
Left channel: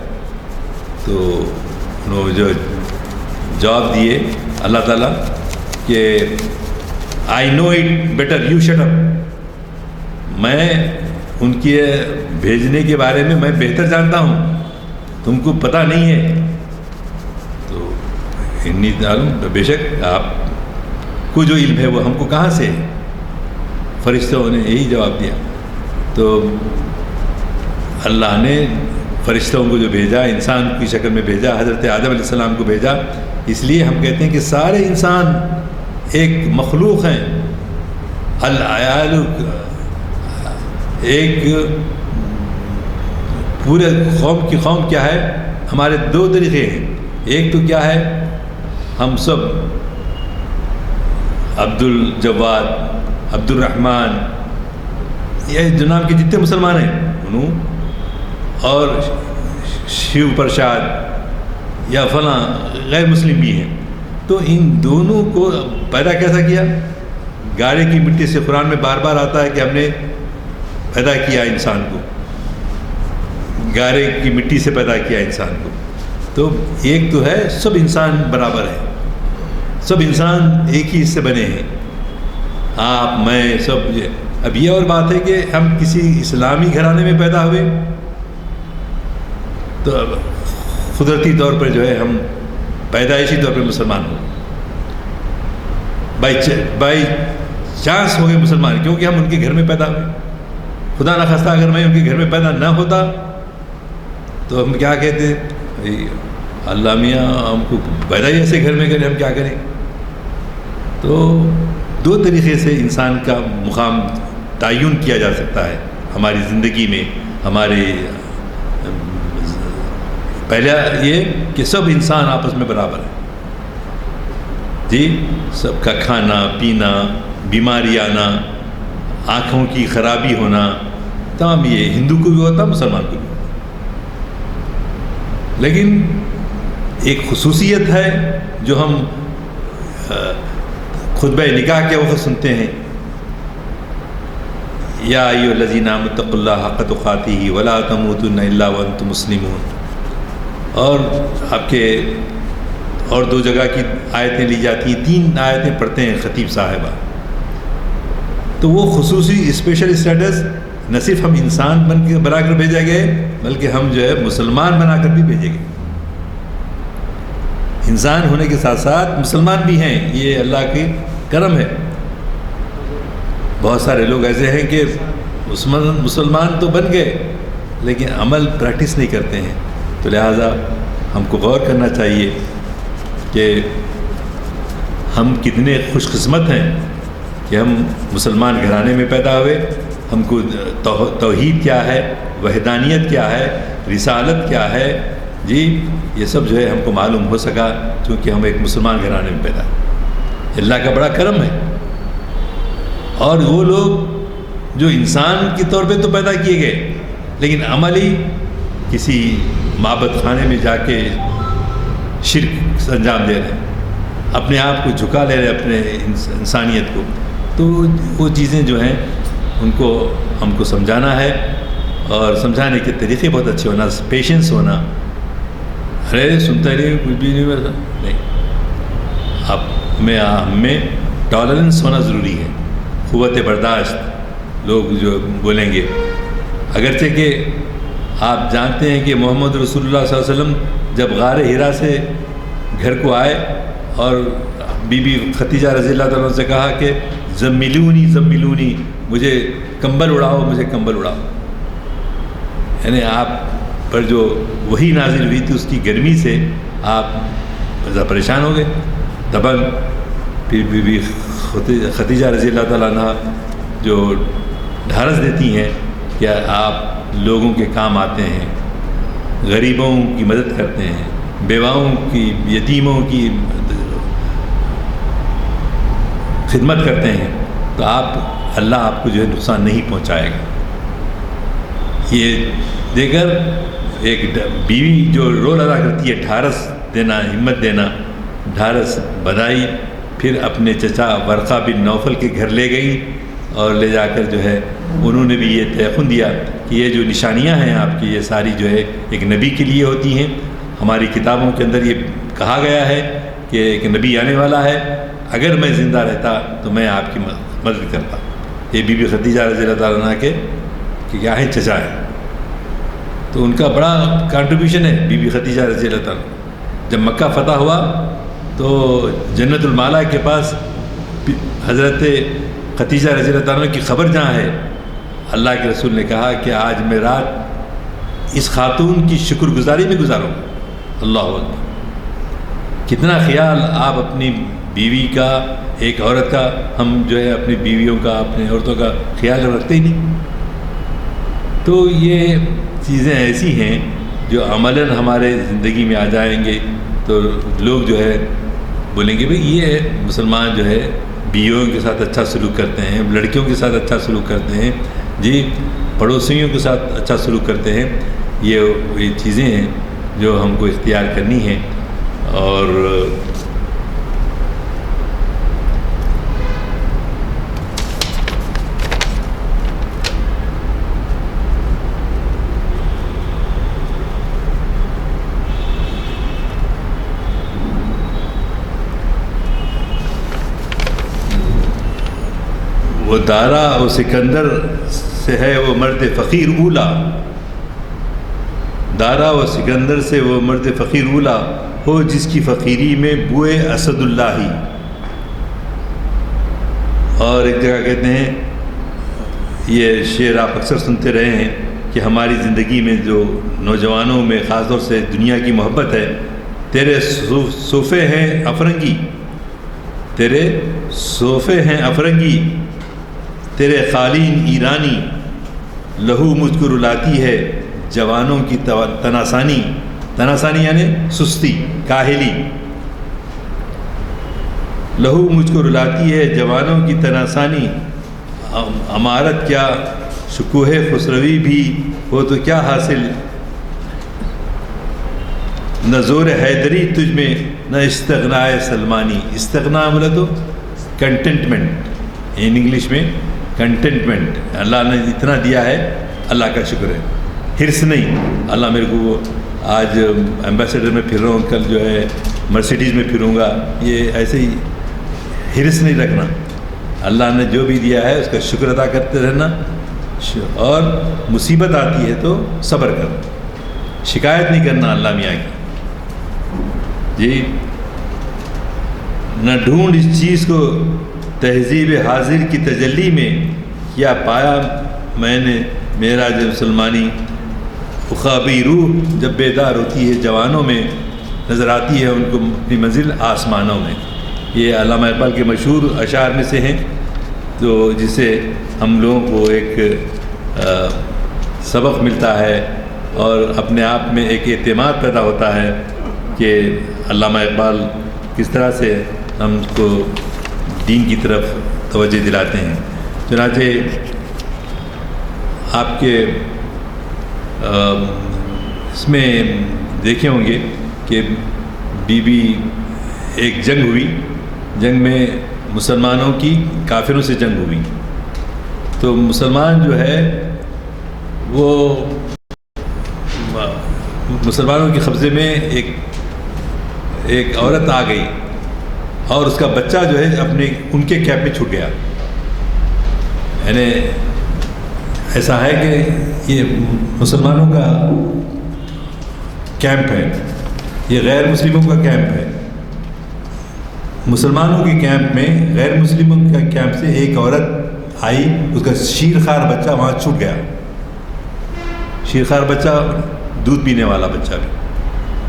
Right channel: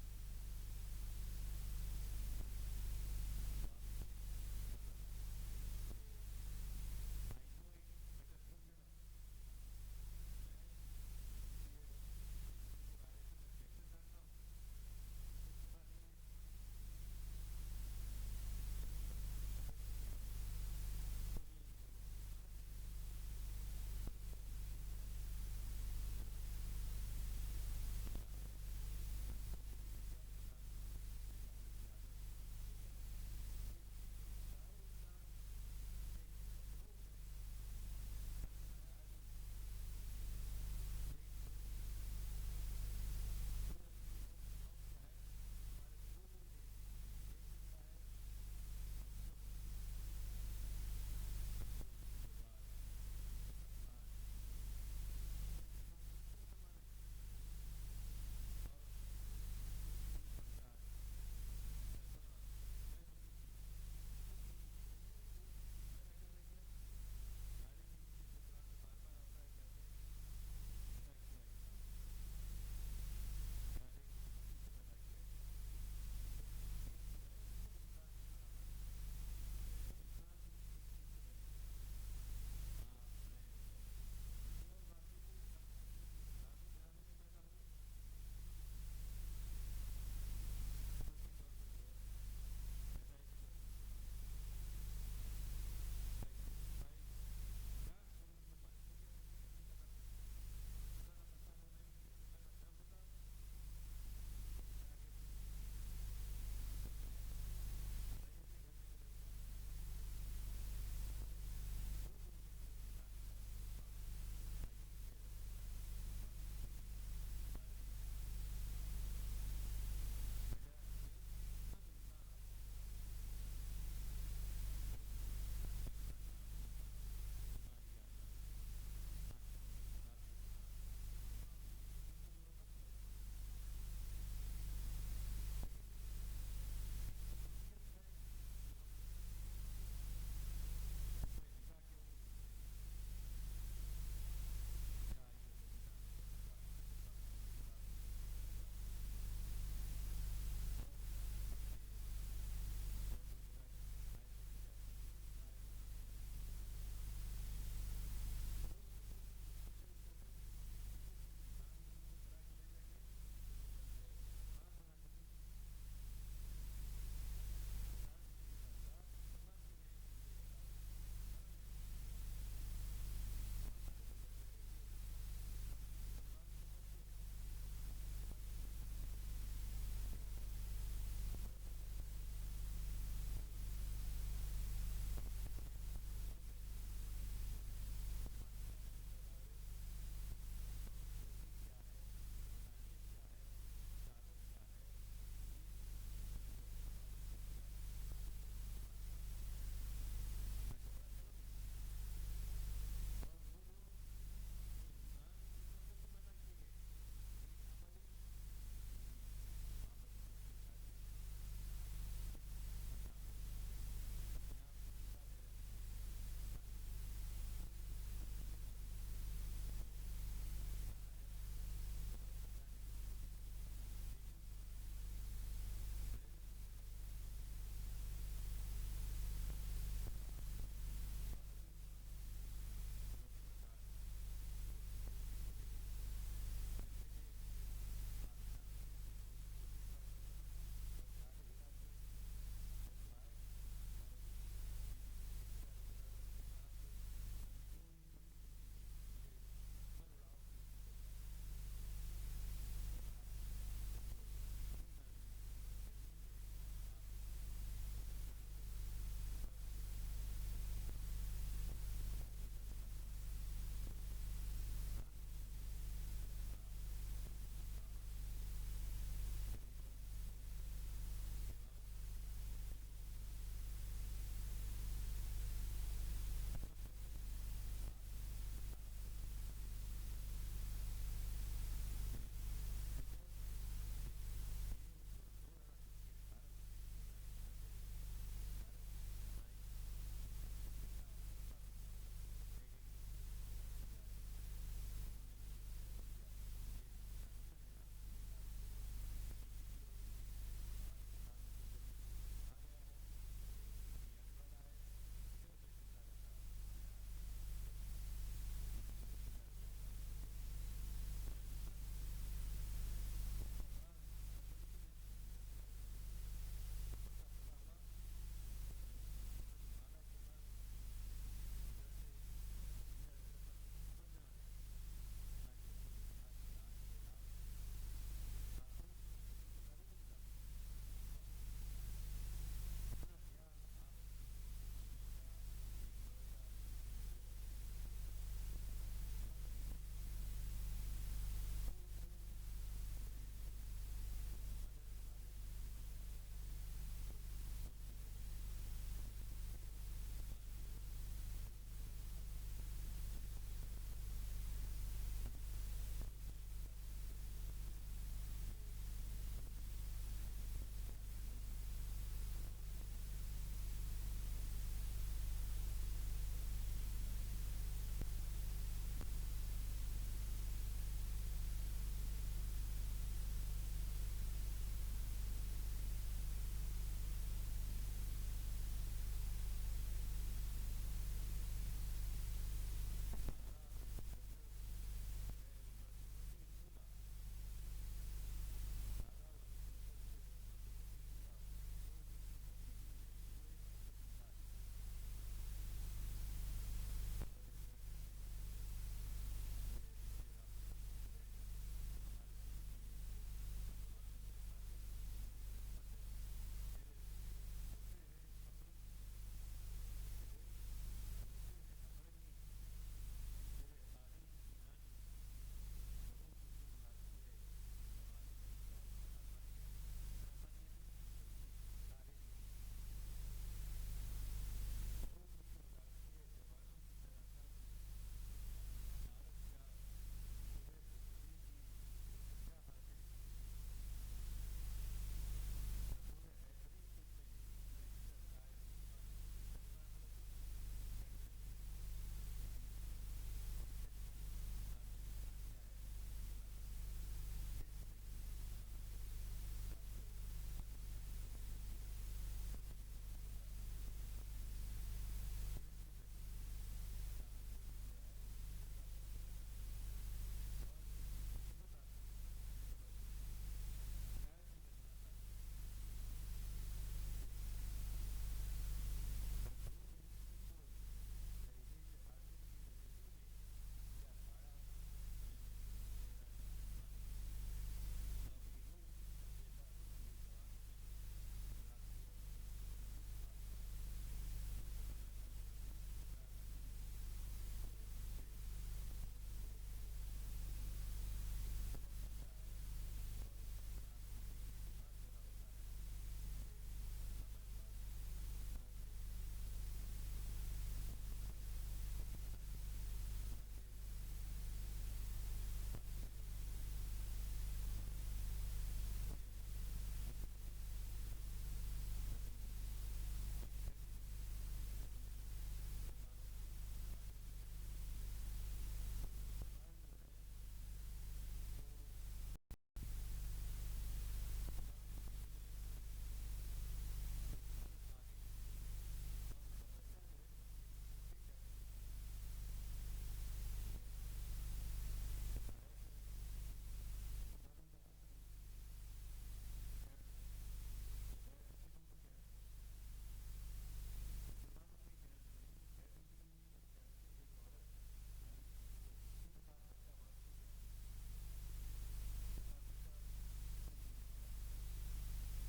تو انہوں جو جواب دیے اللہ تعالیٰ کہ I know it better, you shut up. میں ان کے بھیجنے کے بارے میں بہتر جانتا ہوں، تم کو پتہ نہیں ہے. تو انی تعلم، بے شک آپ کو جو علم ہے وہ ہم کو کہاں سے ہے؟ فرشتوں نے یہی جواب دیا. تو اللہ نے فرشتوں کو جو بھیجا، انسان کی شکل میں بھیجا، حضرت آدم علیہ السلام کو بھیجا. اس لیے ہم کہتے ہیں کہ سارے انسان ایک مخلوق ہیں. العیال ایک پورے قوم کی قوم کیا ہے؟ ہمارے 2 طریقے ہیں. ایک تو کیا ہے، ہم سب عبد الجواد، عبد الرحمن، یہ جناب کے جتنے مسلمان ہیں انہوں اور شیو پرشاد یا فلاں غیر مسلم بھی ہیں، تو ان دونوں کو پیدا کیسا کیا؟ گارے کی مٹی سے قرآن میں بار بار آتا ہے کہ ہم نے پیدا کیا انسان کو، گارے کی مٹی سے پیدا کیا انسان کو. تو ایک تو ہے سب انسان برابر ہے، سب انسان ایک ہی اس سے بنے ہیں، آپ میں سب. اب یہ اور بات ہے کہ ہم کسی اسلامی گھرانے میں پیدا ہوئے تو اب قدرتی طور پر جو ہے ہم پیدائشی طور پر مسلمان ہو، بائی چانس ہو گئے مسلمان، کیونکہ ہم ان کے گھر میں پیدا ہوئے. خدا نخواستہ اگر میں ان کے گھر میں پیدا نہ ہوتا تو ہم کیا کہتے؟ اللہ میاں ہم کو پیدا ہی ایسے گھر میں کرے، ہم کیا کریں؟ تو دو طریقے سے انسان کا مقام تعین کیا جا سکتا ہے ہماری زندگی میں. ہمارے پہلا یہ کہ سب انسان آپس میں برابر ہے جی، سب کا کھانا پینا، بیماری آنا، آنکھوں کی خرابی ہونا، تمام یہ ہندو کو بھی ہوتا، مسلمان کو بھی ہوتا. لیکن ایک خصوصیت ہے جو ہم خطبہ نکاح کے وقت سنتے ہیں، یا ایھا الذین آمنوا اتقوا اللہ حق تقاتہ ولا تموتن الا وانتم مسلمون. اور آپ کے اور دو جگہ کی آیتیں لی جاتی ہیں، 3 آیتیں پڑھتے ہیں خطیب صاحبہ. تو وہ خصوصی اسپیشل اسٹیٹس نہ صرف ہم انسان بنا کر بھیجے گئے بلکہ ہم جو ہے مسلمان بنا کر بھی بھیجے گئے. انسان ہونے کے ساتھ ساتھ مسلمان بھی ہیں، یہ اللہ کی کرم ہے. بہت سارے لوگ ایسے ہیں کہ مسلمان تو بن گئے لیکن عمل پریکٹس نہیں کرتے ہیں. تو لہٰذا ہم کو غور کرنا چاہیے کہ ہم کتنے خوش قسمت ہیں کہ ہم مسلمان گھرانے میں پیدا ہوئے. ہم کو توحید کیا ہے، وحدانیت کیا ہے، رسالت کیا ہے، جی یہ سب جو ہے ہم کو معلوم ہو سکا چونکہ ہم ایک مسلمان گھرانے میں پیدا ہوئے. اللہ کا بڑا کرم ہے. اور وہ لوگ جو انسان کے طور پہ تو پیدا کیے گئے لیکن عملی کسی معبد خانے میں جا کے شرک انجام دے رہے ہیں، اپنے آپ کو جھکا لے رہے ہیں، اپنے انسانیت کو. تو وہ چیزیں جو ہیں ان کو ہم کو سمجھانا ہے، اور سمجھانے کے طریقے بہت اچھے ہونا، پیشنس ہونا. ارے سنتا رہے کچھ بھی نہیں ہوتا نہیں، ہم میں ٹالرنس ہونا ضروری ہے، قوت برداشت. لوگ جو بولیں گے، اگرچہ کہ آپ جانتے ہیں کہ محمد رسول اللہ صلی اللہ علیہ وسلم جب غار حرا سے گھر کو آئے اور بی بی ختیجہ رضی اللہ تعالیٰ عنہ سے کہا کہ زملونی زملونی، مجھے کمبل اڑاؤ، مجھے کمبل اڑاؤ. یعنی آپ پر جو وحی نازل ہوئی تھی اس کی گرمی سے آپ ذرا پریشان ہو گئے، دبنگ. پھر بی بی ختیجہ رضی اللہ تعالیٰ عنہ جو ڈھارس دیتی ہیں کہ آپ لوگوں کے کام آتے ہیں، غریبوں کی مدد کرتے ہیں، بیواؤں کی، یتیموں کی خدمت کرتے ہیں، تو اللہ آپ کو جو ہے نقصان نہیں پہنچائے گا. یہ دے کر ایک بیوی جو رول ادا کرتی ہے، ڈھارس دینا، ہمت دینا، ڈھارس بدائی. پھر اپنے چچا ورقہ بن نوفل کے گھر لے گئی اور لے جا کر جو ہے انہوں نے بھی یہ تیقن دیا کہ یہ جو نشانیاں ہیں آپ کی، یہ ساری جو ہے ایک نبی کے لیے ہوتی ہیں. ہماری کتابوں کے اندر یہ کہا گیا ہے کہ ایک نبی آنے والا ہے، اگر میں زندہ رہتا تو میں آپ کی مدد کرتا. یہ بی بی ختیجہ رضی اللہ تعالیٰ عنہ کے کہ کیا ہیں، چچا ہیں. تو ان کا بڑا کنٹریبیوشن ہے بی بی ختیجہ رضی اللہ تعالیٰ. جب مکہ فتح ہوا تو جنت المالا کے پاس حضرت ختیجہ رضی اللہ تعالیٰ کی خبر جہاں ہے، اللہ کے رسول نے کہا کہ آج میں رات اس خاتون کی شکر گزاری میں گزاروں. اللہ اکبر. کتنا خیال آپ اپنی بیوی کا، ایک عورت کا، ہم جو ہے اپنی بیویوں کا، اپنی عورتوں کا خیال رکھتے ہی نہیں. تو یہ چیزیں ایسی ہیں جو عملاً ہمارے زندگی میں آ جائیں گے تو لوگ جو ہے بولیں گے بھئی یہ مسلمان جو ہے بیویوں کے ساتھ اچھا سلوک کرتے ہیں، لڑکیوں کے ساتھ اچھا سلوک کرتے ہیں، جی پڑوسیوں کے ساتھ اچھا سلوک کرتے ہیں. یہ چیزیں ہیں جو ہم کو اختیار کرنی ہیں. اور وہ دارا و سکندر سے ہے وہ مرد فقیر اولا. دارا و سکندر سے وہ مرد فقیر اولا ہو جس کی فقیری میں بوئے اسد اللہ ہی. اور ایک جگہ کہتے ہیں، یہ شعر آپ اکثر سنتے رہے ہیں کہ ہماری زندگی میں جو نوجوانوں میں خاص طور سے دنیا کی محبت ہے، تیرے صوفے ہیں افرنگی، تیرے صوفے ہیں افرنگی، تیرے قالین ایرانی، لہو مجھ کو رلاتی ہے جوانوں کی تناسانی. تناسانی یعنی سستی، کاہلی. لہو مجھ کو رلاتی ہے جوانوں کی تناسانی، امارت کیا شکوہ خسروی بھی ہو تو کیا حاصل، نہ زور حیدری تجھ میں نہ استغناء سلمانی. استغنا بولا تو کنٹینٹمنٹ، ان انگلش میں کنٹینٹمنٹ. اللہ نے اتنا دیا ہے، اللہ کا شکر ہے. حرص نہیں، اللہ میرے کو وہ آج ایمبیسیڈر میں پھر رہا ہوں، کل جو ہے مرسیڈیز میں پھروں گا، یہ ایسے ہی حرص نہیں رکھنا. اللہ نے جو بھی دیا ہے اس کا شکر ادا کرتے رہنا. اور مصیبت آتی ہے تو صبر کرنا، شکایت نہیں کرنا اللہ میاں کی. جی نہ ڈھونڈ اس چیز کو تہذیب حاضر کی تجلی میں، کیا پایا میں نے میرا جب سلمانی. اخابی روح جب بیدار ہوتی ہے جوانوں میں، نظر آتی ہے ان کو اپنی منزل آسمانوں میں. یہ علامہ اقبال کے مشہور اشعار میں سے ہیں، تو جس سے ہم لوگوں کو ایک سبق ملتا ہے اور اپنے آپ میں ایک اعتماد پیدا ہوتا ہے کہ علامہ اقبال کس طرح سے ہم کو دین کی طرف توجہ دلاتے ہیں. چنانچہ آپ کے اس میں دیکھے ہوں گے کہ ایک جنگ ہوئی، جنگ میں مسلمانوں کی کافروں سے جنگ ہوئی. تو مسلمان جو ہے وہ مسلمانوں کے قبضے میں ایک عورت آ گئی اور اس کا بچہ جو ہے ان کے کیمپ میں چھوٹ گیا. یعنی ایسا ہے کہ یہ مسلمانوں کا کیمپ ہے، یہ غیر مسلموں کا کیمپ ہے. مسلمانوں کے کیمپ میں غیر مسلموں کا کیمپ سے ایک عورت آئی، اس کا شیرخوار بچہ وہاں چھوٹ گیا. شیرخوار بچہ، دودھ پینے والا بچہ بھی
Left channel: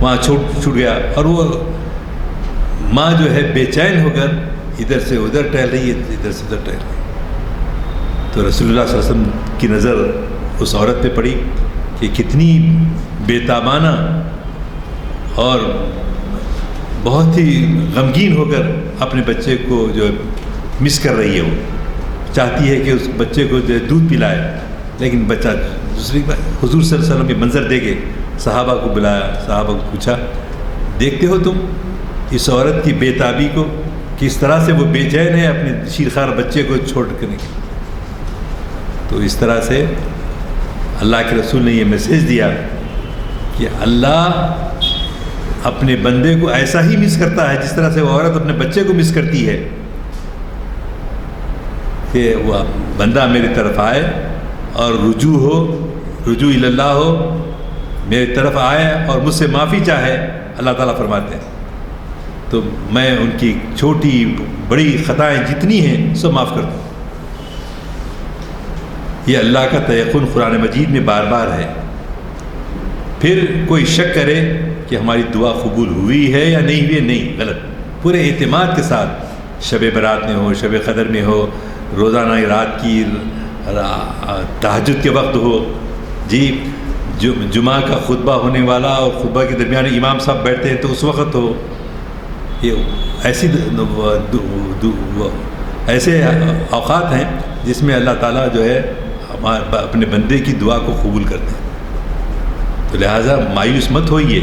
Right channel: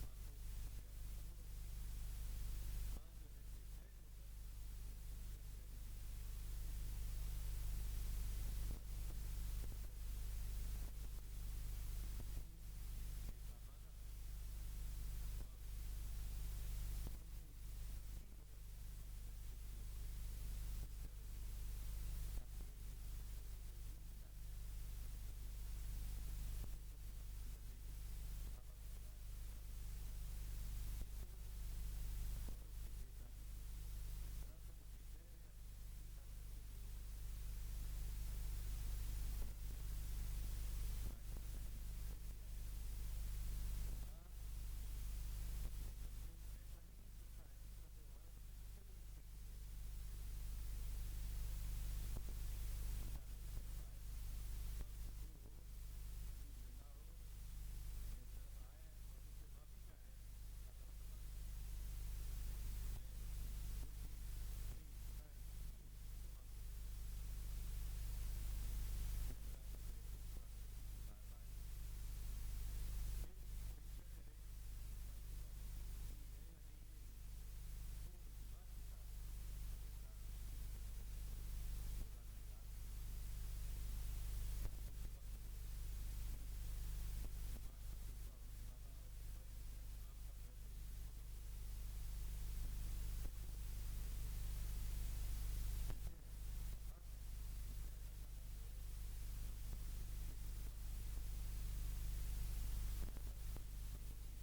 وہاں چھوٹ گیا. اور وہ ماں جو ہے بے چین ہو کر ادھر سے ادھر ٹہل رہی ہے، ادھر سے ادھر ٹہل رہی ہے. تو رسول اللہ صلی اللہ علیہ وسلم کی نظر اس عورت پہ پڑی کہ کتنی بے تابانہ اور بہت ہی غمگین ہو کر اپنے بچے کو جو مس کر رہی ہے. وہ چاہتی ہے کہ اس بچے کو جو دودھ پلائے، لیکن بچہ دوسری بار حضور صلی اللہ علیہ وسلم کے منظر دیکھے، صحابہ کو بلایا، صحابہ کو پوچھا دیکھتے ہو تم اس عورت کی بے تابی کو، کس طرح سے وہ بے چین ہے اپنے شیرخوار بچے کو چھوڑ کر. تو اس طرح سے اللہ کے رسول نے یہ میسیج دیا کہ اللہ اپنے بندے کو ایسا ہی مس کرتا ہے جس طرح سے وہ عورت اپنے بچے کو مس کرتی ہے، کہ وہ بندہ میری طرف آئے اور رجوع اللہ ہو، میری طرف آئے اور مجھ سے معافی چاہے. اللہ تعالیٰ فرماتے ہیں تو میں ان کی چھوٹی بڑی خطائیں جتنی ہیں سب معاف کر دوں. یہ اللہ کا تیقن قرآن مجید میں بار بار ہے. پھر کوئی شک کرے کہ ہماری دعا قبول ہوئی ہے یا نہیں ہوئی، نہیں، غلط. پورے اعتماد کے ساتھ شب برات میں ہو، شب قدر میں ہو، روزانہ رات کی تہجد کے وقت ہو، جی جمعہ کا خطبہ ہونے والا اور خطبہ کے درمیان امام صاحب بیٹھتے ہیں تو اس وقت ہو. یہ ایسے اوقات ہیں جس میں اللہ تعالیٰ جو ہے اپنے بندے کی دعا کو قبول کرتے ہیں. تو لہٰذا مایوس مت ہوئیے،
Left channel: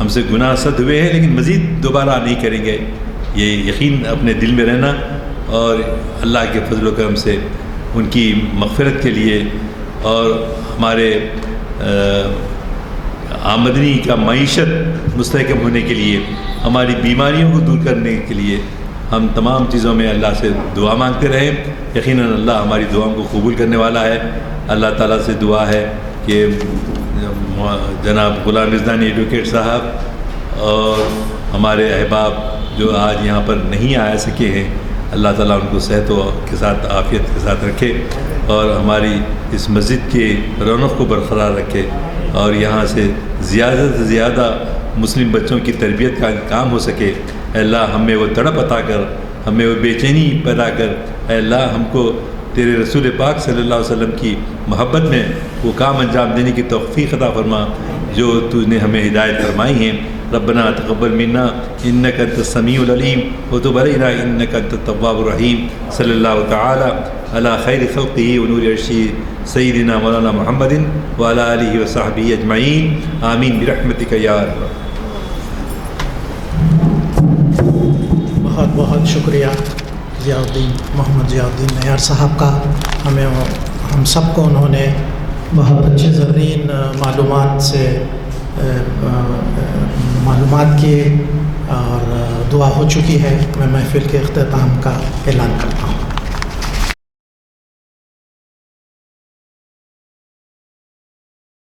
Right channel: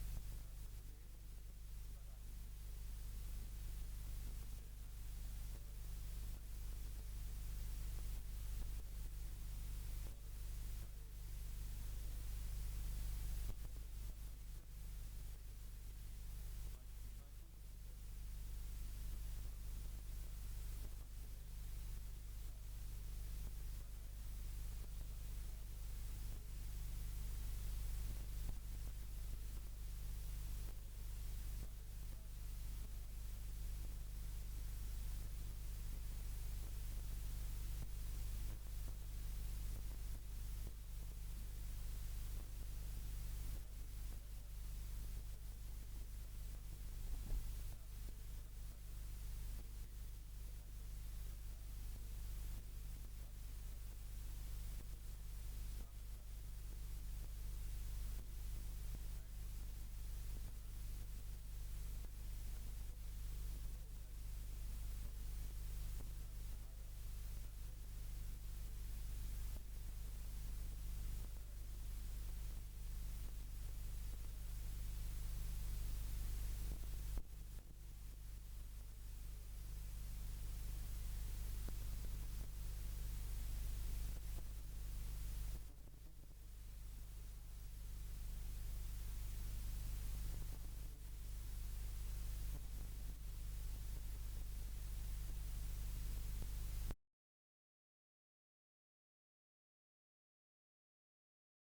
ہم سے گناہ صد ہوئے ہیں لیکن مزید دوبارہ نہیں کریں گے، یہ یقین اپنے دل میں رہنا، اور اللہ کے فضل و کرم سے ان کی مغفرت کے لیے اور ہمارے آمدنی کا معیشت مستحکم ہونے کے لیے، ہماری بیماریوں کو دور کرنے کے لیے ہم تمام چیزوں میں اللہ سے دعا مانگتے رہیں. یقیناً اللہ ہماری دعاؤں کو قبول کرنے والا ہے. اللہ تعالیٰ سے دعا ہے کہ جناب غلام رضوانی ایڈوکیٹ صاحب اور ہمارے احباب جو آج یہاں پر نہیں آ سکے ہیں، اللہ تعالیٰ ان کو صحت کے ساتھ عافیت کے ساتھ رکھے اور ہماری اس مسجد کی رونق کو برقرار رکھے، اور یہاں سے زیادہ سے زیادہ مسلم بچوں کی تربیت کا کام ہو سکے. اے اللہ ہمیں وہ تڑپ عطا کر، ہمیں وہ بے چینی پیدا کر. اے اللہ ہم کو تیرے رسول پاک صلی اللہ علیہ وسلم کی محبت میں وہ کام انجام دینے کی توفیق عطا فرما جو تو نے ہمیں ہدایت فرمائی ہیں. ربنا تقبل منا انك انت السميع العليم وتب علينا انك انت التواب الرحيم. صلی اللہ تعالی علی خیر خلقه ونور عرشه سیدنا مولانا محمد وعلى آلہ وصحبہ اجمعین. آمین برحمتک یا ارحم. بہت بہت شکریہ محمد ضیاء الدین نیار صاحب کا. ہم سب کو انہوں نے بہت اچھے زرین معلومات کی اور دعا ہو چکی ہے. میں محفل کے اختتام کا اعلان کرتا ہوں.